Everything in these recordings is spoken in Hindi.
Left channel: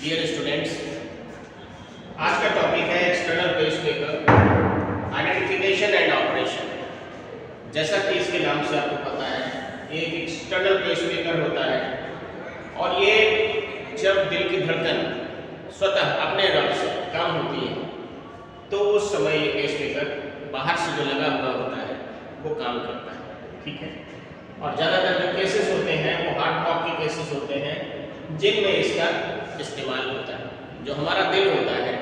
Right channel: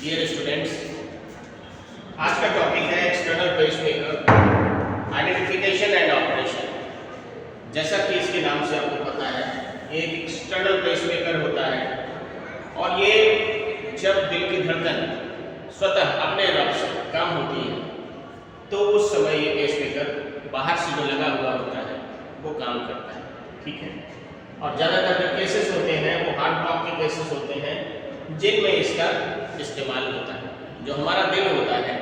डियर स्टूडेंट्स, आज का टॉपिक है external pacemaker identification and operation. जैसा कि इसके नाम से आपको पता है, ये एक एक्सटर्नल पेसमेकर होता है और ये जब दिल की धड़कन स्वतः अपने रब से कम होती है तो उस समय ये पेसमेकर बाहर से जो लगा हुआ होता है वो काम करता है। ठीक है। और ज़्यादातर जो केसेस होते हैं वो हार्ट ब्लॉक के केसेस होते हैं जिनमें इसका इस्तेमाल होता है। जो हमारा दिल होता है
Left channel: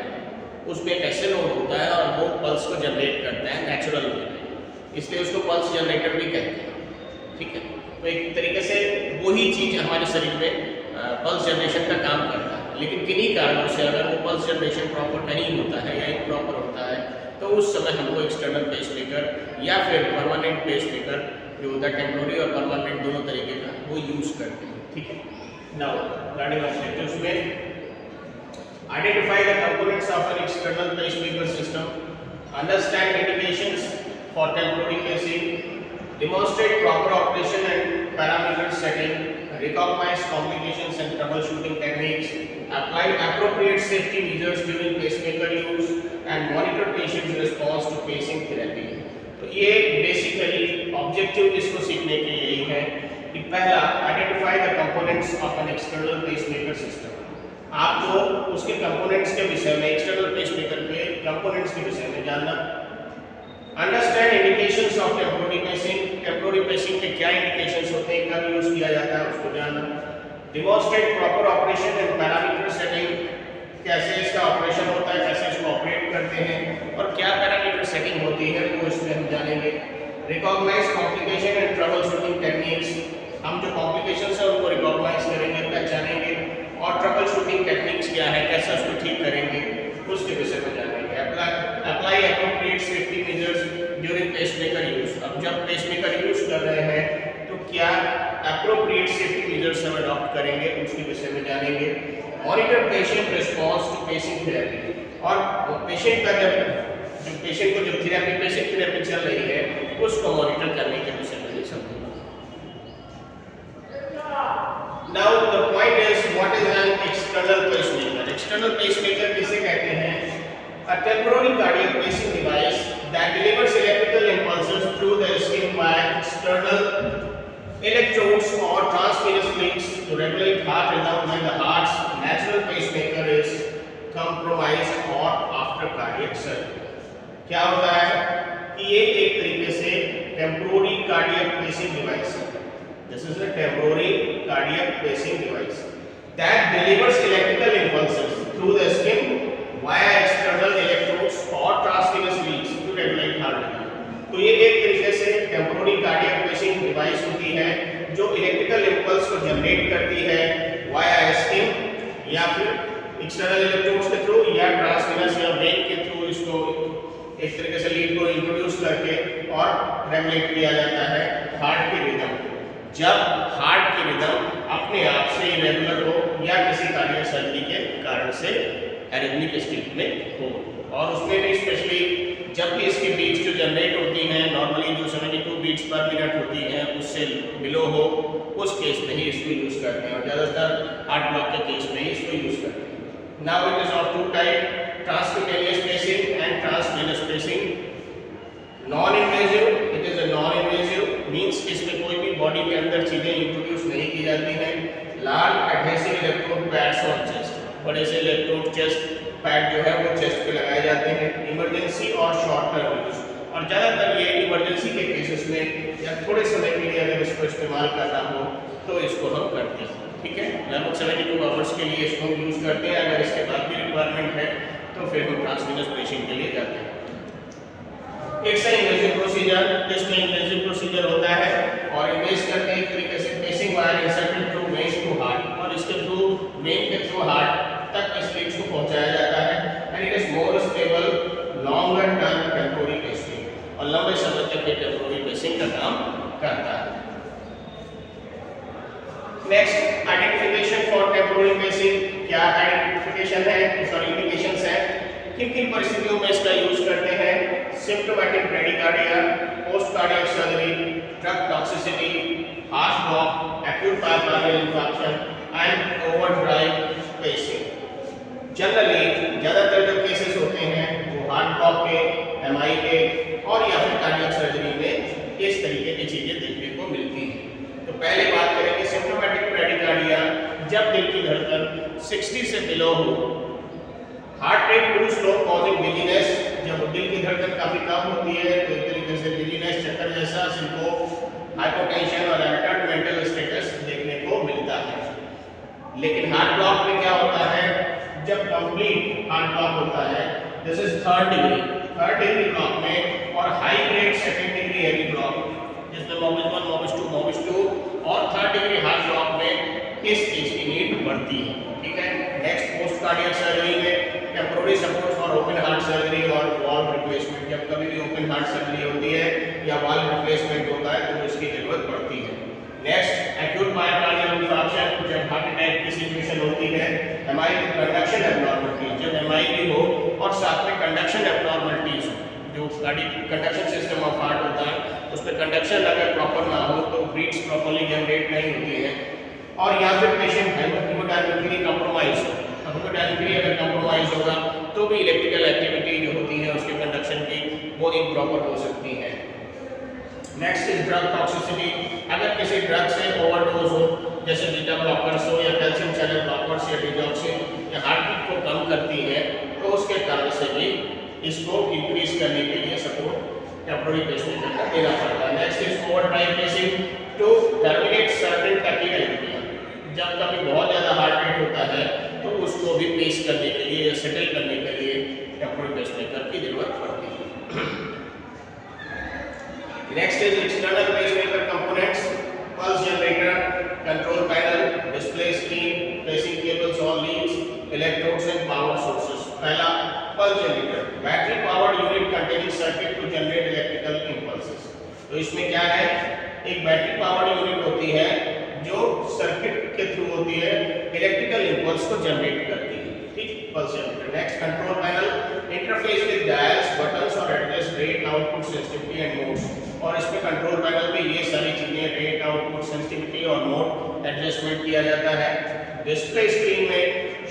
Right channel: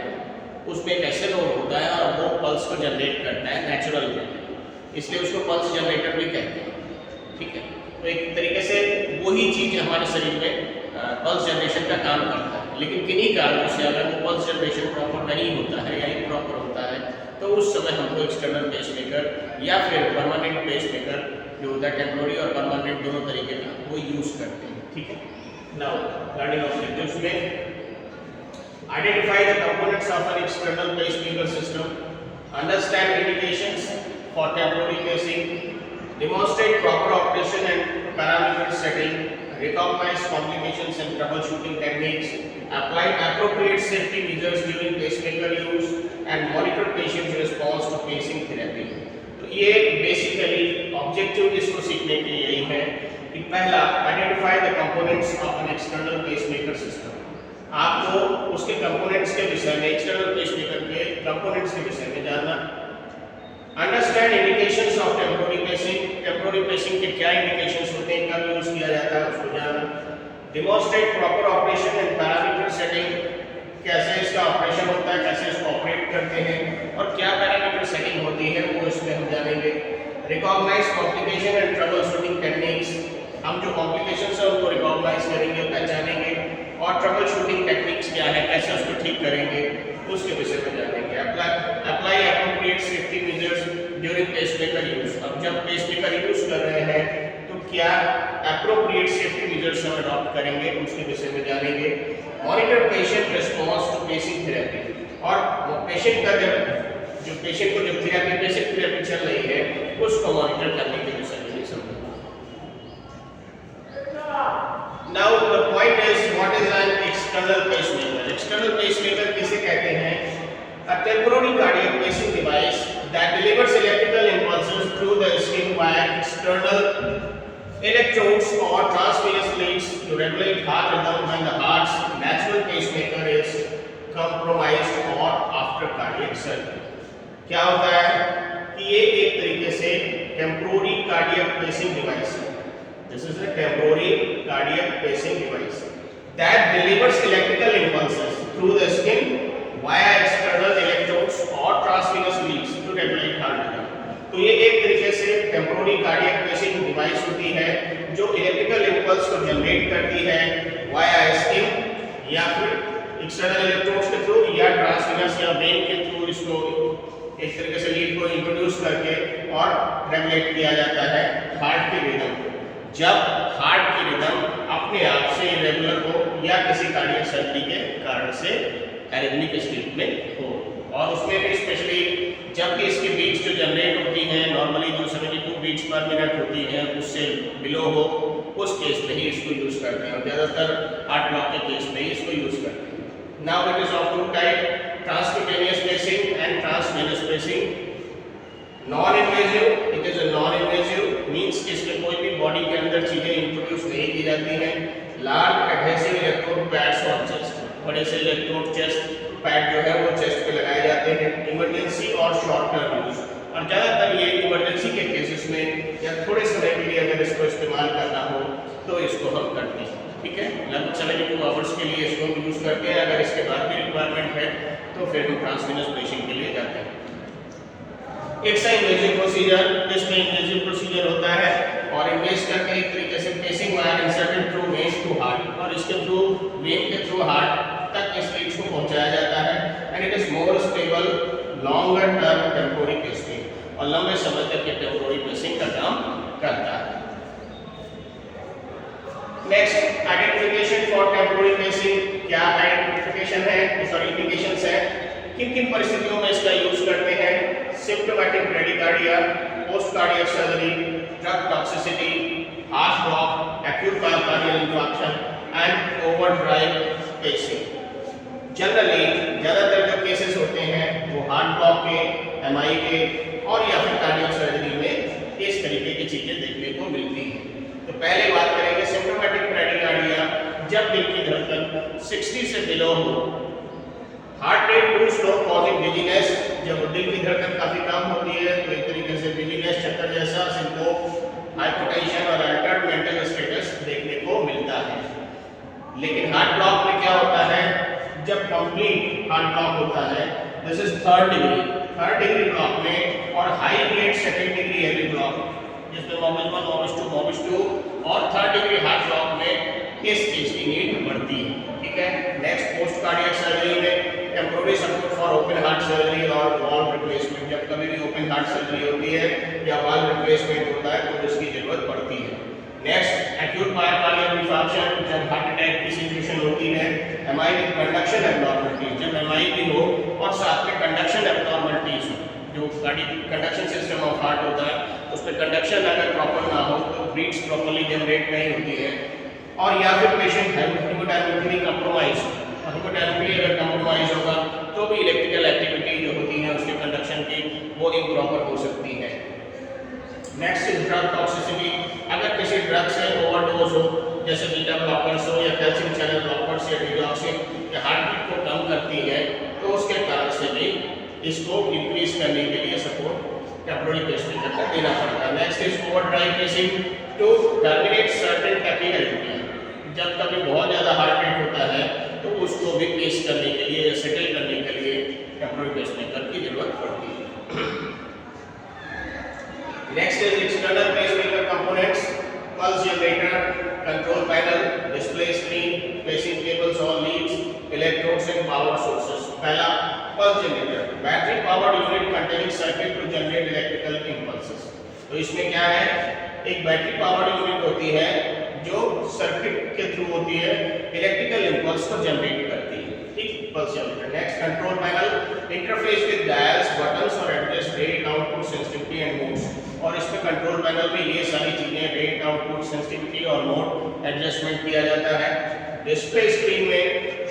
उसमें एक ऐसे लोड होता है और वो पल्स को जनरेट करता है नेचुरल में, इसलिए उसको पल्स जनरेटर भी कहते हैं। ठीक है। तो एक तरीके से वही चीज़ हमारे शरीर में पल्स जनरेशन का काम करता है, लेकिन किन्हीं कारणों से अगर वो पल्स जनरेशन प्रॉपर नहीं होता है या इम्प्रॉपर होता है तो उस समय हमको एक्सटर्नल पेसमेकर या फिर परमानेंट पेसमेकर जो होता है, टेम्पोररी और परमानेंट दोनों तरीके का, वो यूज़ करते हैं। ठीक है। नाउ लर्निंग ऑब्जेक्टिव्स में identify the components of an external pacemaker system, understand indications for temporary pacing, demonstrate proper operation and parameter setting, recognize complications and troubleshooting techniques, apply appropriate safety measures during pacemaker use and monitor patient's response to pacing therapy। तो ये बेसिकली ऑब्जेक्टिव इसको सीखने के यही है कि पहला, identify the components of an external pacemaker system. आपको उसके कंपोनेंट्स के विषय में, एक्सटर्नल पेसमेकर के कंपोनेंट्स के विषय में जानना। Understand indications of temporary pacing, temporary pacing के क्या इंडिकेशंस होते हैं, कब यूज किया जाता है, उसको जानना। Demonstrate proper operation and parameter setting, कैसे इसका ऑपरेशन होता है, कैसे इसको ऑपरेट करते हैं और क्या पैरामीटर सेटिंग होती है, वो इसमें हम जानेंगे। Recognize complication and trouble shooting techniques, हम जो कॉम्प्लिकेशंस है उनको रिकॉग्नाइज करेंगे, पहचानेंगे और ट्रबल शूटिंग टेक्निक्स क्या है, कैसे उसको ठीक करेंगे, उसके विषय में जानेंगे। Apply appropriate safety measures during pacemaker use. अब जब पेसमेकर यूज कर रहे हैं तो क्या एप्रोप्रिएट सेफ्टी मेजर्स हम अडॉप्ट करेंगे, उसके विषय में जानेंगे। Monitor patient response to pacing therapy, और पेशेंट का जो पेशेंट को जो थेरेपी, बेसिक थेरेपी चल रही है उसको मॉनिटर करने के विषय में समझेंगे। Now the point is, what is an external pacemaker? External pacemaker किसे कहते हैं? A temporary cardiac pacing device that delivers electrical impulses through the skin via external electrodes or transvenous leads to regulate heart rhythm when the heart's natural pacemaker is compromised or after cardiac surgery। क्या होता है कि ये एक तरीके से temporary cardiac pacing device है। This is a temporary cardiac pacing device that delivers electrical impulses through the skin via external electrodes or transvenous leads to regulate heart rhythm। तो ये एक तरीके से temporary cardiac pacing device होती है जो electrical impulse को जनरेट करती है via skin या फिर external electrodes के थ्रू या transvenous या vein के थ्रू, इसको एक तरीके से लीड को इंट्रोड्यूस करके और रेगुलेट किया जाता है हार्ट की रिदम को। जब हार्ट की रिदम अपने आप से इरेगुलर हो या किसी कार्डियक सर्जरी के कारण से एरिथमिक स्टेट में हो, और उसमें भी स्पेशली जब भी इसकी बीट्स जो जनरेट होती हैं नॉर्मली जो 72 बीट्स पर मिनट होती हैं उससे बिलो हो, उस केस में ही इसको यूज़ करते हैं और ज़्यादातर हार्ट ब्लॉक के केस में ही इसको यूज़ करते हैं। Now it is of two type, transcutaneous pacing and transvenous pacing. Non invasive, it is a non invasive means इसमें कोई भी बॉडी के अंदर चीजें इंट्रोड्यूस नहीं की जाती हैं। Large adhesive electrode pads on chest, बड़े से इलेक्ट्रोड चेस्ट पैड जो है वो चेस्ट पे लगाए जाते हैं। इमरजेंसी और शॉर्ट टर्म यूज, और ज़्यादातर ये इमरजेंसी के केसेस में या थोड़े समय के लिए अगर इसको इस्तेमाल करना हो तो इसको हम करते हैं। ठीक है। लगभग 72 आवर्स के लिए इसको यूज़ करते हैं। अगर इसके बाद भी रिक्वायरमेंट है तो फिर हम ट्रांसवेनस पेशिंग के लिए जाते हैं। इट्स इन्वेजिव प्रोसीजर, इसमें इन्वेजिव प्रोसीजर होता है और इन्वेज करके एक तरीके से pacing wire inserted through vein to heart, और इसके थ्रू वेन के थ्रू हार्ट तक इस लीड्स को पहुंचाया जाता है। And it is more stable longer term temporary pacing, और लंबे समय तक ये टेम्पोररी पेसिंग का काम करता है। Next, identification for temporary pacing. क्या आइडेंटिफिकेशन है, सॉरी इंडिकेशंस है, किन किन परिस्थितियों में इसका यूज करते हैं। Symptomatic bradycardia, post cardiac surgery, drug toxicity, heart block, acute myocardial infarction and overdrive pacing. Generally ज़्यादातर जो केसेस होते हैं वो हार्ट ब्लॉक के, एमआई के और या फिर कार्डियक सर्जरी में इस तरीके की चीज़ें देखने को मिलती हैं। तो पहले बात करेंगे सिम्प्टोमेटिक ब्रैडिकार्डिया, जब दिल की धड़कन 60 से बिलो हो, heart rate too slow causing dizziness, जब दिल की धड़कन काफ़ी कम होती है तो एक तरीके से डिजीनेस, चक्कर जैसा, सिंकोप, हाइपोटेंशन और अल्टर्ड मेंटल स्टेटस देखने को मिलता है। लेकिन हार्ट ब्लॉक में क्या होता है, जब कंप्लीट हार्ट ब्लॉक होता है, this is third degree block में और high grade second degree heavy block जिसमें मोबिस 1, मोबिस 2, मोबिस 2 और थर्ड डिग्री हार्ट ब्लॉक में इस चीज की नीड बढ़ती है। ठीक है, नेक्स्ट पोस्ट कार्डियक सर्जरी में temporary support for open heart surgery और वाल्व रिप्लेसमेंट, जब कभी भी ओपन हार्ट सर्जरी होती है या वाल्व रिप्लेसमेंट होता है तो इसकी जरूरत पड़ती है। नेक्स्ट एक्यूट मायोकार्डियल इंफार्क्शन, जब हार्ट अटैक की सिचुएशन होती है, एमआई विद कंडक्शन एब्नॉर्मलिटीज, जब एमआई भी हो और साथ में कंडक्शन एब्नॉर्मलिटीज हो, जो कंडक्शन सिस्टम ऑफ हार्ट होता है उसमें कंडक्शन अगर प्रॉपर ना हो तो बीट्स प्रॉपर्ली जनरेट नहीं होती है, और या फिर पेशेंट हाइपोडायनेमिकली कंप्रोमाइज हो, हाइपोडायनेमिकली अगर कंप्रोमाइज होगा तो भी इलेक्ट्रिकल एक्टिविटी जो होती है उसके कंडक्शन की वो इम्प्रॉपर हो सकती है। नेक्स्ट इज ड्रग टॉक्सिसिटी, अगर किसी ड्रग से ओवरडोज हो, जैसे बीटा ब्लॉकर्स हो या कैल्शियम चैनल ब्लॉकर्स या डिगॉक्सिन या हार्ट बीट को कम करती है, तो उसके कारण से भी इसको इंक्रीज करने के लिए सपोर्ट टेम्पोररी पेसमेकर का देना पड़ता है। Next is overdrive pacing to terminate certain tachycardia, जब कभी बहुत ज़्यादा हार्ट रेट होता है तो उसको भी पेस करने के लिए, सेटल करने के लिए टेम्पोररी पेसमेकर की जरूरत पड़ती है। Next is external pacemaker components, pulse generator, control panel, display screen, pacing cables और leads, electrodes and power sources. पहला pulse generator, battery powered unit containing circuit to generate electrical impulses. तो इसमें क्या है, एक बैटरी पावर्ड यूनिट होती है जो सर्किट के थ्रू होती है, इलेक्ट्रिकल इंपल्स को जनरेट करती है। ठीक, pulse generator. Next control panel, interface with dials, buttons और adjust rate, output, sensitivity and modes, और इसमें कंट्रोल पैनल में ये सारी चीजें रेट, आउटपुट, सेंसिटिविटी और मोड एडजस्टमेंट किया जाता है। डिस्प्ले स्क्रीन में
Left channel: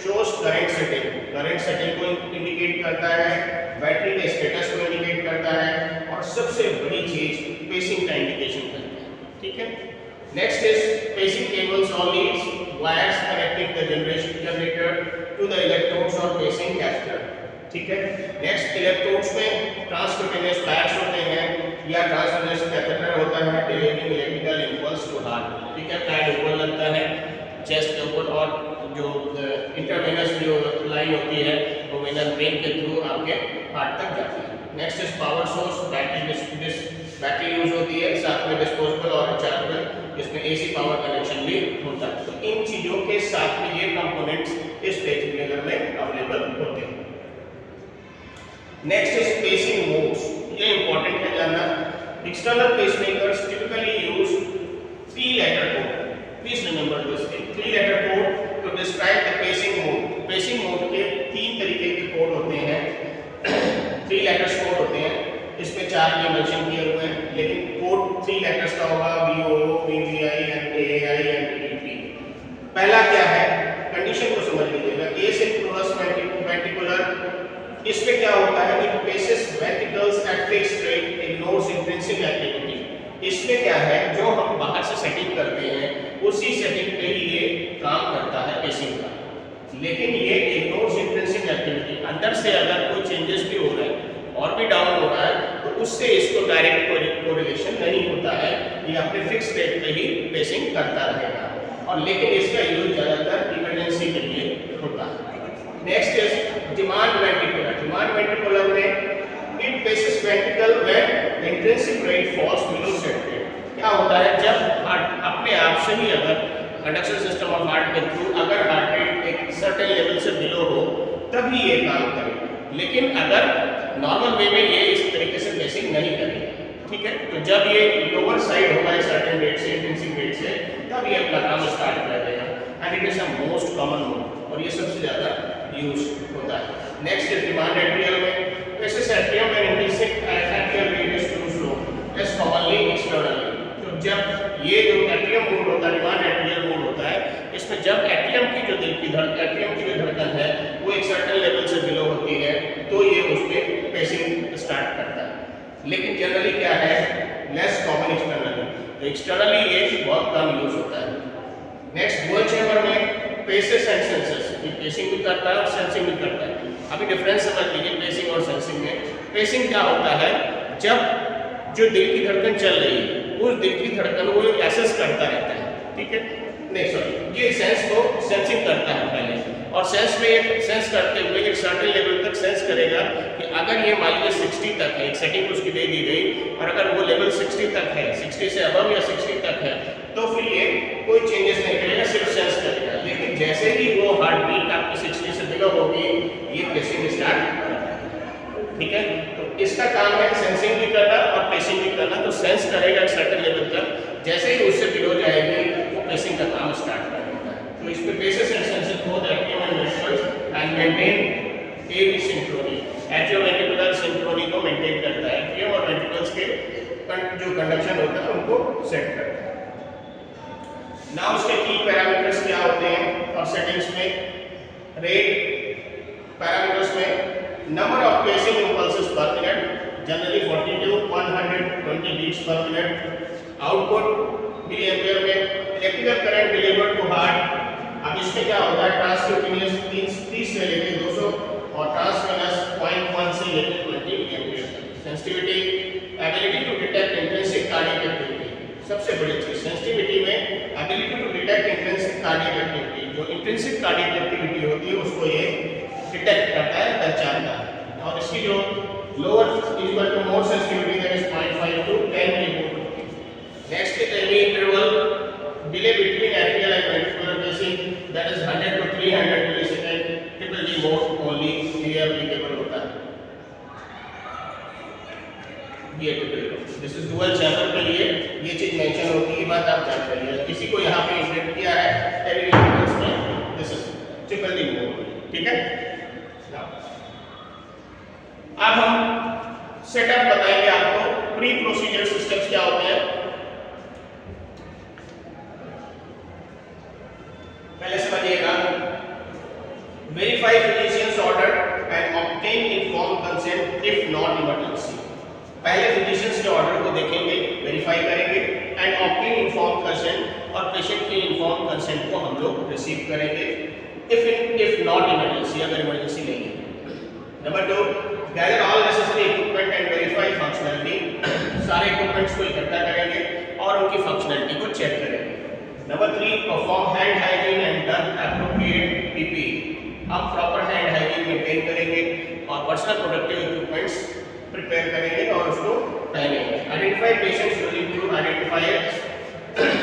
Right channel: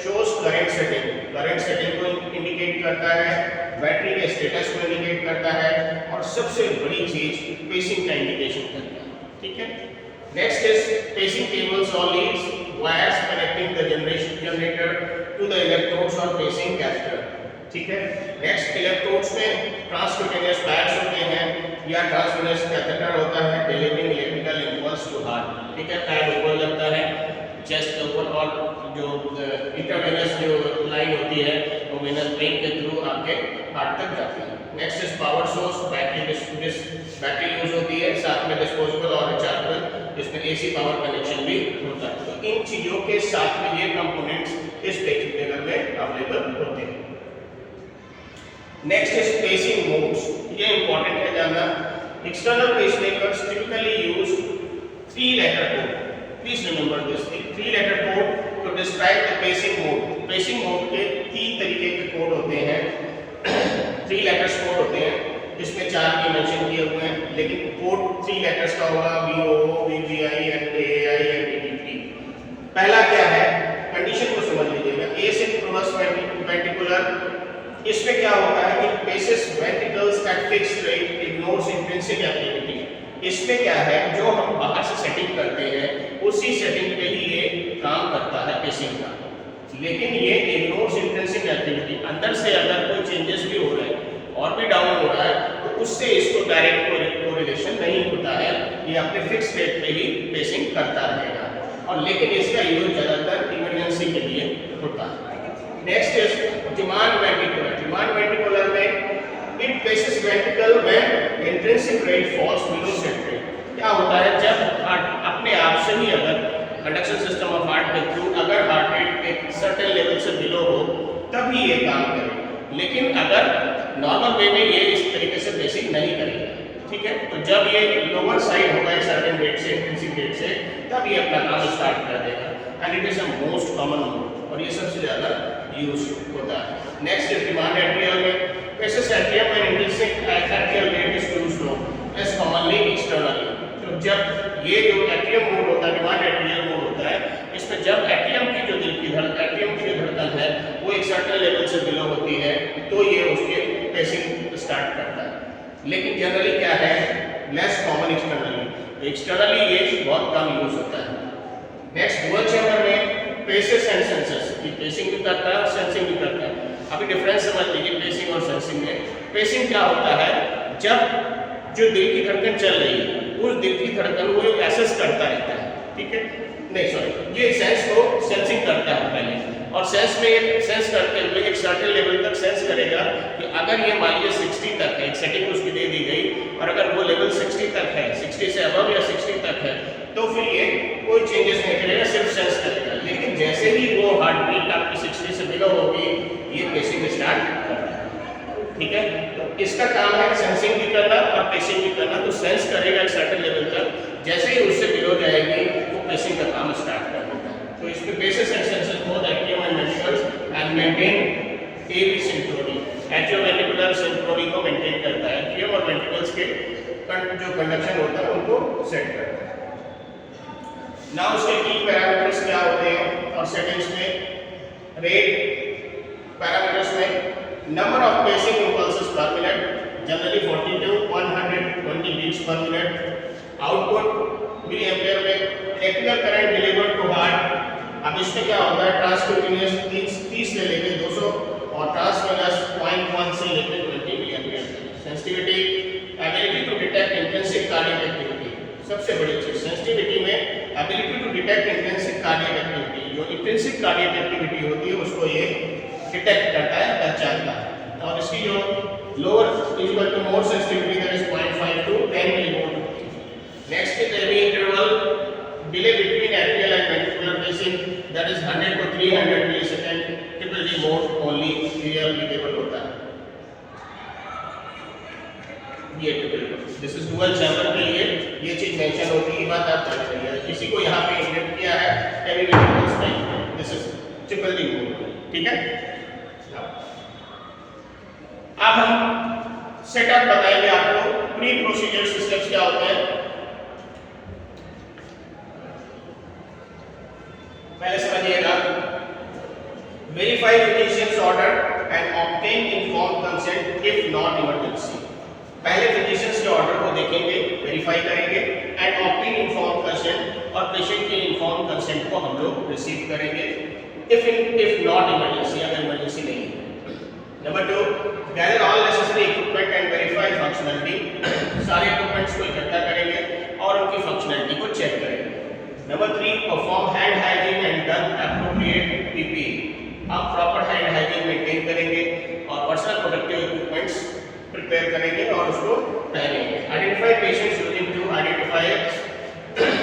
शोज करंट सेटिंग को इंडिकेट करता है, बैटरी के स्टेटस को इंडिकेट करता है और सबसे बड़ी चीज पेसिंग का इंडिकेशन करता है। ठीक है, नेक्स्ट इज पेसिंग केबल्स और leads, wires connecting the generator to the electrodes और पेसिंग कैपेसिटर। ठीक है, नेक्स्ट इलेक्ट्रोड्स में ट्रांसक्यूटेनियस पैड्स होते हैं या ट्रांसवेनस कैथेटर होता है, delivering electrical impulse to heart. ठीक है, पैड ऊपर लगता है चेस्ट के ऊपर और जो इंटरवेनस जो लाइन होती है वो वेनस वेन के थ्रू आपके हार्ट तक जाती है। Next is power source, battery use होती है, साथ में डिस्पोजेबल और रिचार्जेबल, जिसमें एसी पावर कनेक्शन भी होता है। तो इन चीज़ों के साथ में ये कंपोनेंट्स इस पेसमेकर में अवेलेबल होते हैं। नेक्स्ट इज पेसिंग मोड्स, ये इंपॉर्टेंट है जानना। External pacemakers typically use 3-letter code, please remember this, 3-letter code to describe the pacing mode। Pacing mode के 3 तरीके के कोड होते हैं, 3 letters कोड होते हैं, इसमें 4 के मेंशन किए हुए हैं, लेकिन कोड 3 letters का होगा, VOO, VVI, NAI, NTDP। पहला क्या है, कंडीशन को समझ लीजिएगा, A से प्लस वेंट्रिकुलर, इसमें क्या होता है कि paces ventricles at fixed rate, ignores intrinsic activity. इसमें क्या है, जो हम बाहर से सेटिंग करते हैं उसी सेटिंग पे ही ये काम करता है पेसिंग का, लेकिन ये इग्नोर्स इंट्रिंसिक एक्टिविटी, अंदर से अगर कोई चेंजेस भी हो रहा है और भी डाउन हो रहा है तो उससे इसको डायरेक्ट कोरिलेशन नहीं होता है, ये अपने फिक्स रेट पे ही पेसिंग करता रहेगा, और लेकिन इसका यूज ज़्यादातर इमरजेंसी के लिए होता है। Next is demand ventricular. Demand ventricular में it paces ventricle when intrinsic rate falls below set rate. क्या होता है, जब हार्ट अपने आप से ही अगर कंडक्शन सिस्टम ऑफ हार्ट के थ्रू अगर हार्ट रेट एक सर्टेन लेवल से बिलो हो तभी ये काम करे, लेकिन अगर नॉर्मल वे में ये इस तरीके से पेसिंग नहीं करेगा। ठीक है, तो जब ये लोअर साइड होगा सर्टेन रेट से, इंट्रिंसिक रेट से, तब ये अपना काम स्टार्ट कर देगा, and it is a most common mode और ये सबसे ज़्यादा यूज होता है। नेक्स्ट इज डिमांड एट्रियल में, paces atrium and intrinsic atrial rate is too slow as commonly externally. तो जब ये जो एट्रियम मोड होता है, डिमांड एट्रियल मोड होता है, इसमें जब एट्रियम की जो धड़कन है वो एक सर्टेन से बिलो होती है तो ये उसके पेसिंग स्टार्ट करता है। लेकिन जनरली क्या है, लेस कॉमन एक्सटर्नली, तो एक्सटर्नली ये बहुत कम यूज होता है। नेक्स्ट डुअल चैम्बर में पेसेस एंड सेंसर्स, ये पेसिंग भी करता है और सेंसिंग भी करता है। अभी डिफरेंस समझ लीजिए पेसिंग और सेंसिंग में। पेसिंग क्या होता है, जब जो दिल की धड़कन चल रही है उस दिल की धड़कन को एसेस करता रहता है, ठीक है, नहीं सॉरी, ये सेंस को सेंसिंग करता है पहले, और सेंस में एक सेंस करते हुए एक सर्टेन लेवल तक सेंस करेगा कि अगर ये मान लीजिए 60 तक है, एक सेकंड उसकी दे दी गई, और अगर वो लेवल 60 तक है, 60 से अबव या 60 तक है, तो फिर ये कोई चेंजेस नहीं करेगा, सिर्फ सेंस करेगा। लेकिन जैसे ही वो हार्ट बीट आपकी 60 से बिलो होगी, ये पेसिंग स्टार्ट करता है, ठीक है। तो इसका काम है सेंसिंग भी करना और पेसिंग भी करना। तो सेंस करेगा एक सर्टेन लेवल तक, जैसे ही उससे बिलो जाएगी वो पेसिंग का काम स्टार्ट कर देता है। तो इसमें paces and sensors both active and ventricles and maintain AV synchrony, atrioventricular synchrony को मेंटेन करता है। एट्रियम और वेंट्रिकल्स के जो कंडक्शन होता है उनको सेट करता है। नाउ उसके की पैरामीटर्स क्या होते हैं और सेटिंग्स में रेट पैरामीटर्स में number of pacing impulses per minute, generally 40 to 120 beats per minute. Output milliampere में electrical current delivered to heart. अब इसमें क्या होता है, ट्रांसक्यूटेनियस 30 से लेकर 200 और ट्रांसवेनस 0.1 से लेकर 20 मिली एम्पियर तक। Sensitivity, ability to detect intrinsic cardiac activity, सबसे बड़ी चीज सेंसिटिविटी में ability to detect intrinsic cardiac activity. जो इंट्रिंसिक कार्डियक एक्टिविटी होती है उसको ये डिटेक्ट करता है, पहचानता है। और इसकी जो lower equal to more sensitivity that is 0.5 to 10 millivolt. Next is any interval delay between atrial and ventricular pacing that is 100 to 300 millisecond, triple mode only ये एप्लीकेबल होता है। ये triple, this is dual chamber के लिए ये चीज मेंशन होती है, बात आप जान रही है। किसी को यहाँ पे इंक्लूड किया है हेवी वेंट्रिकल्स में, दिस इज ट्रिपल मोड, ठीक है। अब हम सेटअप बताएंगे आपको, प्री प्रोसीजर सिस्टम्स क्या होते हैं। पहले समझिएगा, verify physicians order and obtain inform consent if not emergency. पहले फिजिशियंस के ऑर्डर को देखेंगे, वेरीफाई करेंगे एंड ऑब्टेन इनफॉर्म कंसेंट, और पेशेंट के इनफॉर्म कंसेंट को हम लोग रिसीव करेंगे इफ नॉट इमरजेंसी, अगर इमरजेंसी नहीं है। Number 2, gather all necessary equipment and verify functionality, सारे इक्विपमेंट्स को इकट्ठा करेंगे और उनकी फंक्शनलिटी को चेक करेंगे। Number 3, perform hand hygiene and done appropriate PP, हम प्रॉपर हैंड हाइजीन मेंटेन करेंगे और पर्सनल प्रोटेक्टिव इक्विपमेंट्स प्रिपेयर करेंगे और उसको पहनेंगे। Identify patients using 2 identifiers,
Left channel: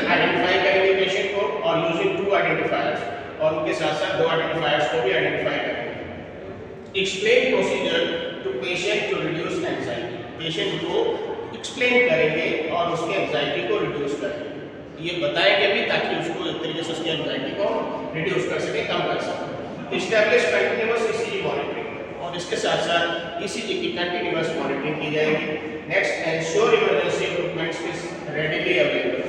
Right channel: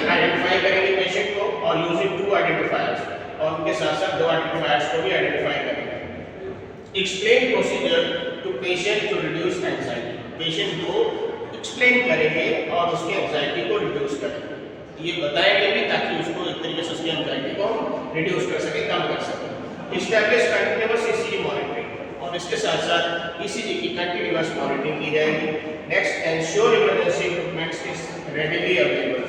identify करेंगे पेशेंट को और यूजिंग 2 आइडेंटिफायर्स, और उनके साथ साथ 2 आइडेंटिफायर्स को भी आइडेंटिफाई करेंगे। Explain procedure to patient to reduce anxiety, patient को एक्सप्लेन करेंगे और उसकी एंजाइटी को रिड्यूस करेंगे। ये बताएंगे भी ताकि उसको एक तरीके से उसकी एंजाइटी को रिड्यूस कर सके, कम कर सके। इस्टेब्लिश कंटिन्यूअस ईसीजी मॉनिटरिंग, और इसके साथ साथ ईसीजी की कंटिन्यूअस मॉनिटरिंग की जाएगी। Next, ensure emergency equipments is readily available,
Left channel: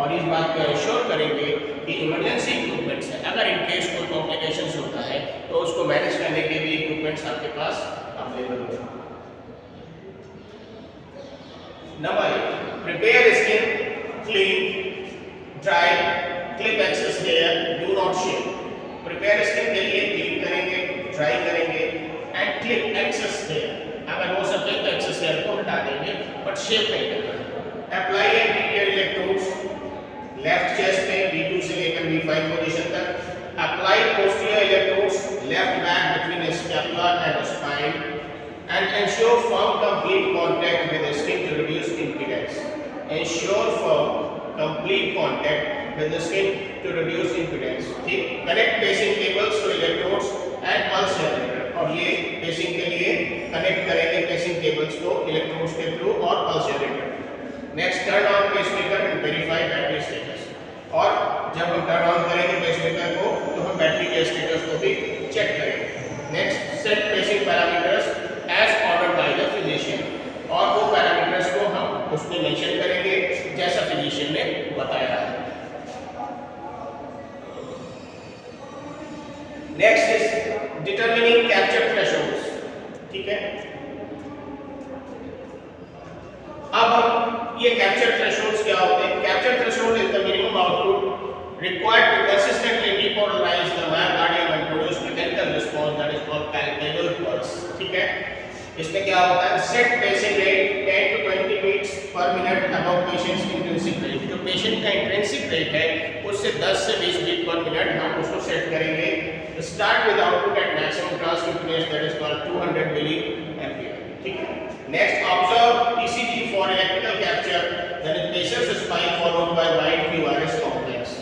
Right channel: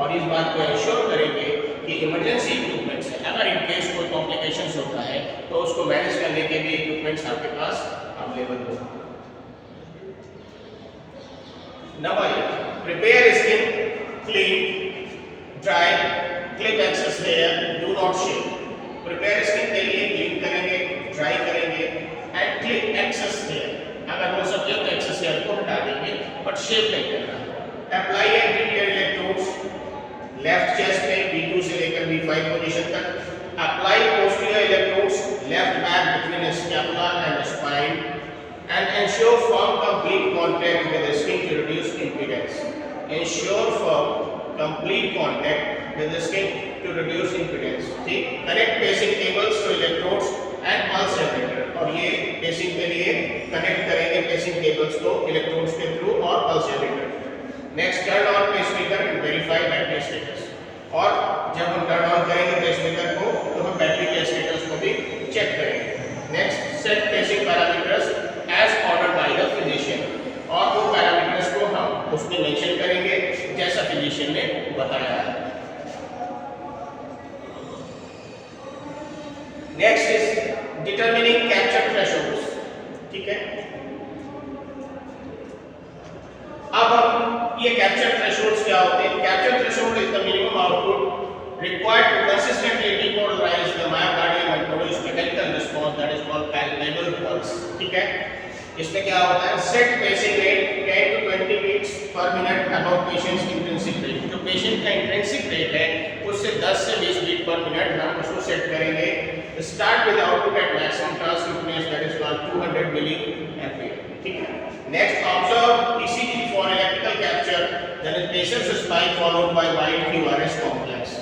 और इस बात को एंश्योर करेंगे कि इमरजेंसी इक्विपमेंट्स है, अगर इन केस कोई कॉम्प्लिकेशंस होता है तो उसको मैनेज करने के भी इक्विपमेंट्स आपके पास अवेलेबल हो। Number 8, prepare skin clean dry clip excess hair, do not shave. Prepare skin के लिए क्लीन करेंगे, ड्राई करेंगे एंड क्लिप एक्सेस हेयर, अगर हो सके तो एक्सेस हेयर को हटा देंगे बट शेव नहीं करना है। Apply anterior electrodes left chest में V2 से लेकर V5 पोजीशन तक। Apply posterior electrodes left back between scapula and spine and ensure firm complete contact with skin to reduce impedance. Ensure firm complete contact with skin to reduce impedance, ठीक। Connect pacing cables to electrodes and pulse generator, और ये पेसिंग के लिए कनेक्ट करेंगे पेसिंग केबल्स को इलेक्ट्रोड्स के थ्रू और pulse generator. Next, turn on pacemaker and verify battery status, और जब हम टर्न ऑन करेंगे पेसमेकर को तो हम बैटरी के स्टेटस को भी चेक करेंगे। Next, set pacing parameters as ordered by the physician, और वो पैरामीटर्स को हम उसमें मेंशन करेंगे जैसा फिजिशियन ने बताया है। Next is determining capture thresholds, ठीक है। अब हम ये कैप्चर थ्रेशोल्ड्स क्या होते हैं? Capture threshold is the minimum output required to consistently depolarize the myocardium and produce mechanical response that is called palpable pulse, ठीक है। इसमें क्या होता है? Set pacing rate 10 to 20 beats per minute above patient's intrinsic rate। जो पेशेंट का इंट्रिंसिक रेट है उससे 10 से 20 बीट पर मिनट हम उसको सेट करेंगे। Start with output at maximum transmittance that is called 200 milliampere, ठीक है। Next observe ECG for electrical capture that is patients spike followed by wide QRS complex.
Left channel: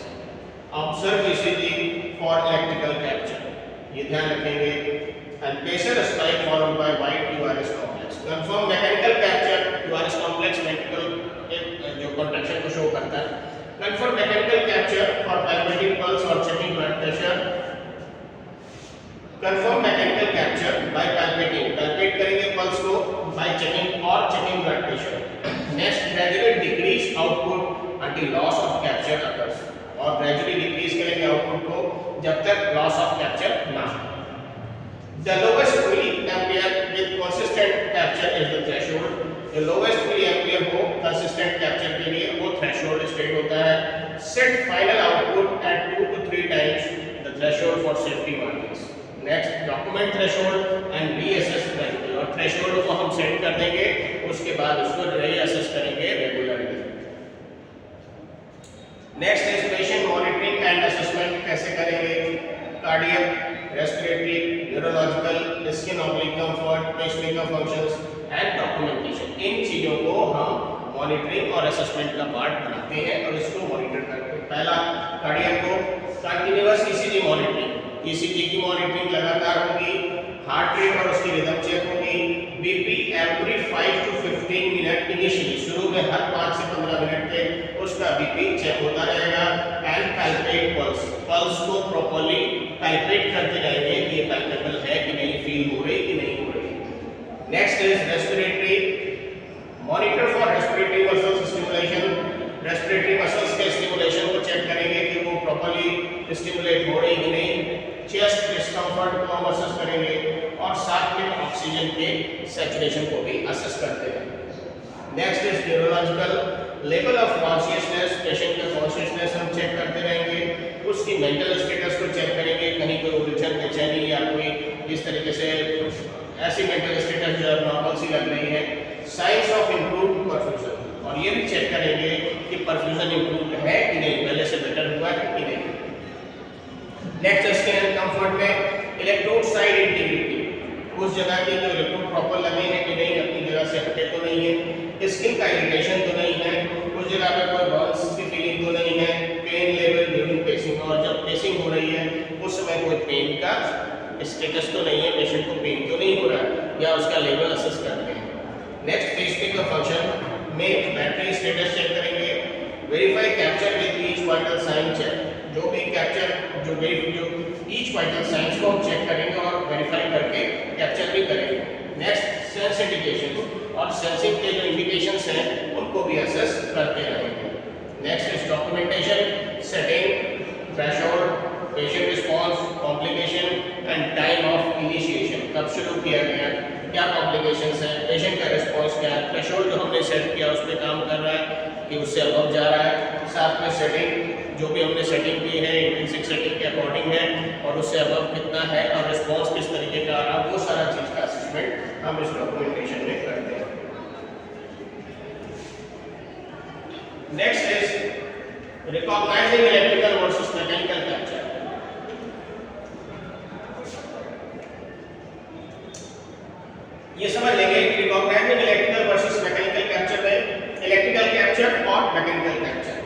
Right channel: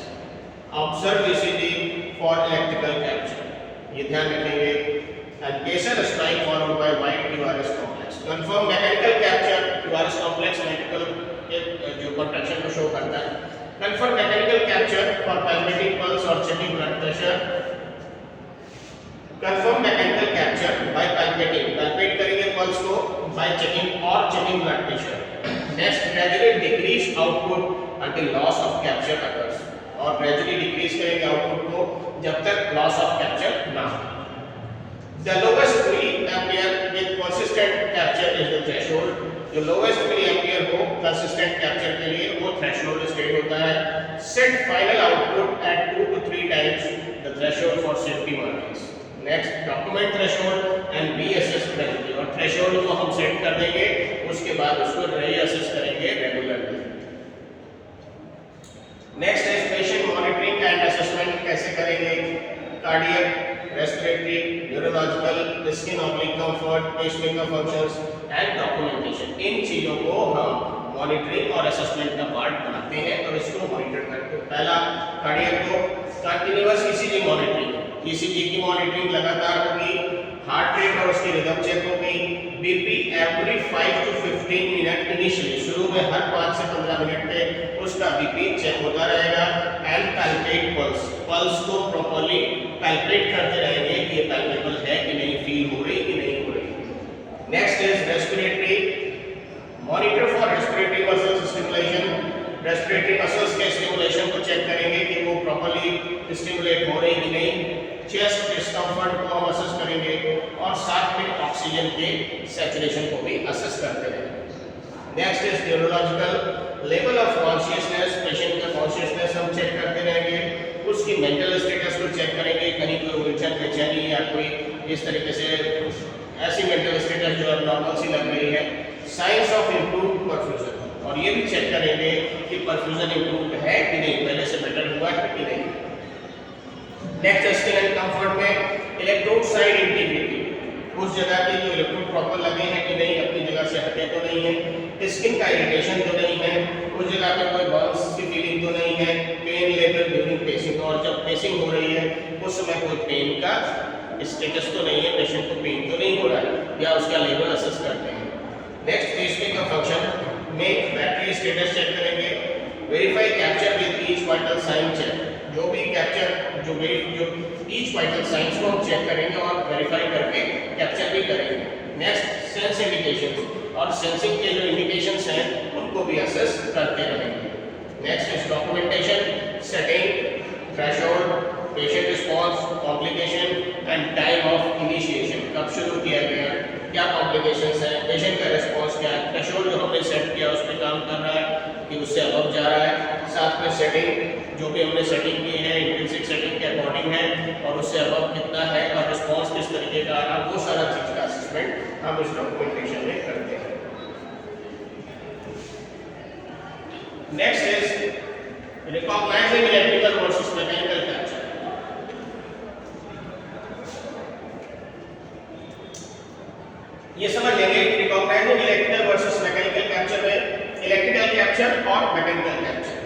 Observe ECG for electrical capture, ये ध्यान रखेंगे। And patient spike followed by wide QRS complex. Confirm mechanical capture, QRS complex mechanical जो कॉन्ट्रैक्शन को शो करता है। Confirm mechanical capture for palpating pulse और checking blood pressure. Confirm mechanical capture by palpating, palpate करेंगे पल्स को बाय चेकिंग और checking blood pressure. Next gradually decrease output until loss of capture occurs, और ग्रेजुअली डिक्रीज करेंगे आउटपुट को जब तक लॉस ऑफ कैप्चर ना हो। The lowest milliampere with consistent capture is the threshold। जो lowest milliampere हो consistent capture के लिए वो threshold state होता है। Set final output at 2 to 3 times the threshold for safety margins। Next document threshold and reassess gradually, और threshold को हम set कर देंगे, उसके बाद उसको reassess करेंगे regularly। Next is patient monitoring and assessment कैसे करेंगे? Cardiac, respiratory, neurological, skin oblique comfort, pacemaker functions and documentation, इन चीजों को हम मॉनिटरिंग और असेसमेंट का पार्ट बनाते हैं और इसको मॉनिटर करते हैं। पहला कार्डियक को कंटिन्यूअस ईसीजी मॉनिटरिंग, ईसीजी की मॉनिटरिंग लगातार होगी। हार्ट रेट और उसकी रिदम चेक होगी। BP every 5 to 15 minute initially, शुरू में हर 5 से 15 मिनट पे उसका बीपी चेक होता रहेगा। एंड पैल्पेट पल्स, पल्स को प्रॉपर्ली पैल्पेट करते रहेंगे कि ये पैल्पेबल है कि नहीं, फील हो रही कि नहीं हो रही। Next is respiratory, monitor for respiratory muscles stimulation. Respiratory muscles के स्टिमुलेशन को चेक करेंगे कि वो प्रॉपर्ली स्टिमुलेट हो रही कि नहीं। चेस्ट डिस्कम्फर्ट को हम असेस करेंगे और साथ में ऑक्सीजन के सैचुरेशन को भी असेस करते हैं। Next is neurological level of consciousness, patient का कॉन्शियसनेस हम चेक करते रहेंगे। उसकी मेंटल स्टेटस को चेक करेंगे, कहीं कोई उलझन बेचैनी या कोई इस तरीके से ऐसी मेंटल स्टेटस जो नॉर्मल सी लग रही है। साइंस ऑफ इम्प्रूव्ड परफ्यूजन, और ये भी चेक करेंगे कि परफ्यूजन इम्प्रूव्ड है कि नहीं, पहले से बेटर हुआ है कि नहीं। नेक्स्ट स्किन एंड कंफर्ट में इलेक्ट्रोड साइड इंटीग्रिटी, उस जगह के जो इलेक्ट्रोड प्रॉपर लगे हैं कि नहीं, अपनी जगह से हटे तो नहीं है, स्किन का इरिटेशन तो नहीं है, उस जगह पे कोई बर्न्स की फीलिंग तो नहीं है, पेन लेवल ड्यूरिंग पेसिंग, और जब पेसिंग हो रही है उस समय कोई पेन का स्टेटस तो नहीं है, पेशेंट को पेन तो नहीं हो रहा है, या उसका लेवल असेस करते हैं। नेक्स्ट पेसमेकर फंक्शन में बैटरी स्टेटस चेक करेंगे। Verify capture with each vital sign check, जो भी कैप्चर जो ईच वाइटल साइंस को हम चेक करेंगे और वेरीफाई करके कैप्चर भी करेंगे। नेक्स्ट सेंस इंडिकेशन, और सेंसिंग के जो इंडिकेशंस हैं उनको भी असेस करते रहेंगे। Next is documentation, setting, threshold, patient response, complication and time of initiation, कब शुरू किया गया, क्या कॉम्प्लिकेशंस हैं, पेशेंट का रिस्पॉन्स क्या है, थ्रेशोल्ड जो हमने सेट किया उस पर काम कर रहा है कि उससे अबव जा रहा है, साथ में सेटिंग जो भी हमने सेटिंग की है इंट्रिंसिक सेटिंग के अकॉर्डिंग है और उससे अबव कितना है और रिस्पॉन्स किस तरीके का आ रहा, वो सारा चीज़ का असेसमेंट हम इस डॉक्यूमेंटेशन में करते हैं। Next is recognising electrical versus mechanical capture. ये समझ लेंगे कि recognising electrical versus mechanical capture में इलेक्ट्रिकल कैप्चर और मैकेनिकल कैप्चर।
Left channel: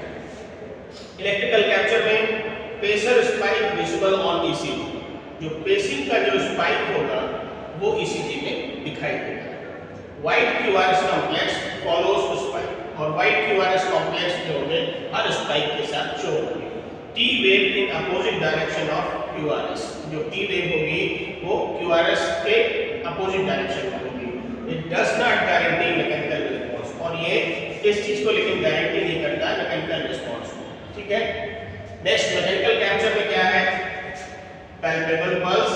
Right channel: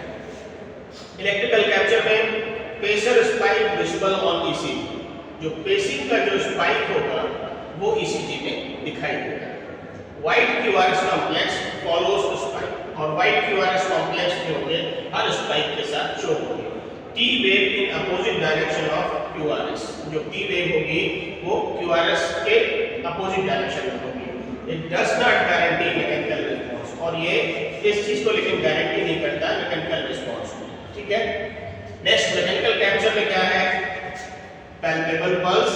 इलेक्ट्रिकल कैप्चर में pacer spike visible on ECG, जो पेसिंग का जो स्पाइक होगा वो ईसीजी में दिखाई देगा। White QRS complex follows the spike, और वाइट क्यूआरएस कॉम्प्लेक्स जो होंगे हर स्पाइक के साथ शो होंगे। T wave in opposite direction of QRS, जो टी वेव होगी वो क्यूआरएस के अपोजिट डायरेक्शन में होगी। It does not guarantee mechanical response, और ये इस चीज को लेकिन गारंटी नहीं करता मैकेनिकल रिस्पॉन्स, ठीक है। नेक्स्ट मैकेनिकल कैप्चर में क्या है, palpable pulse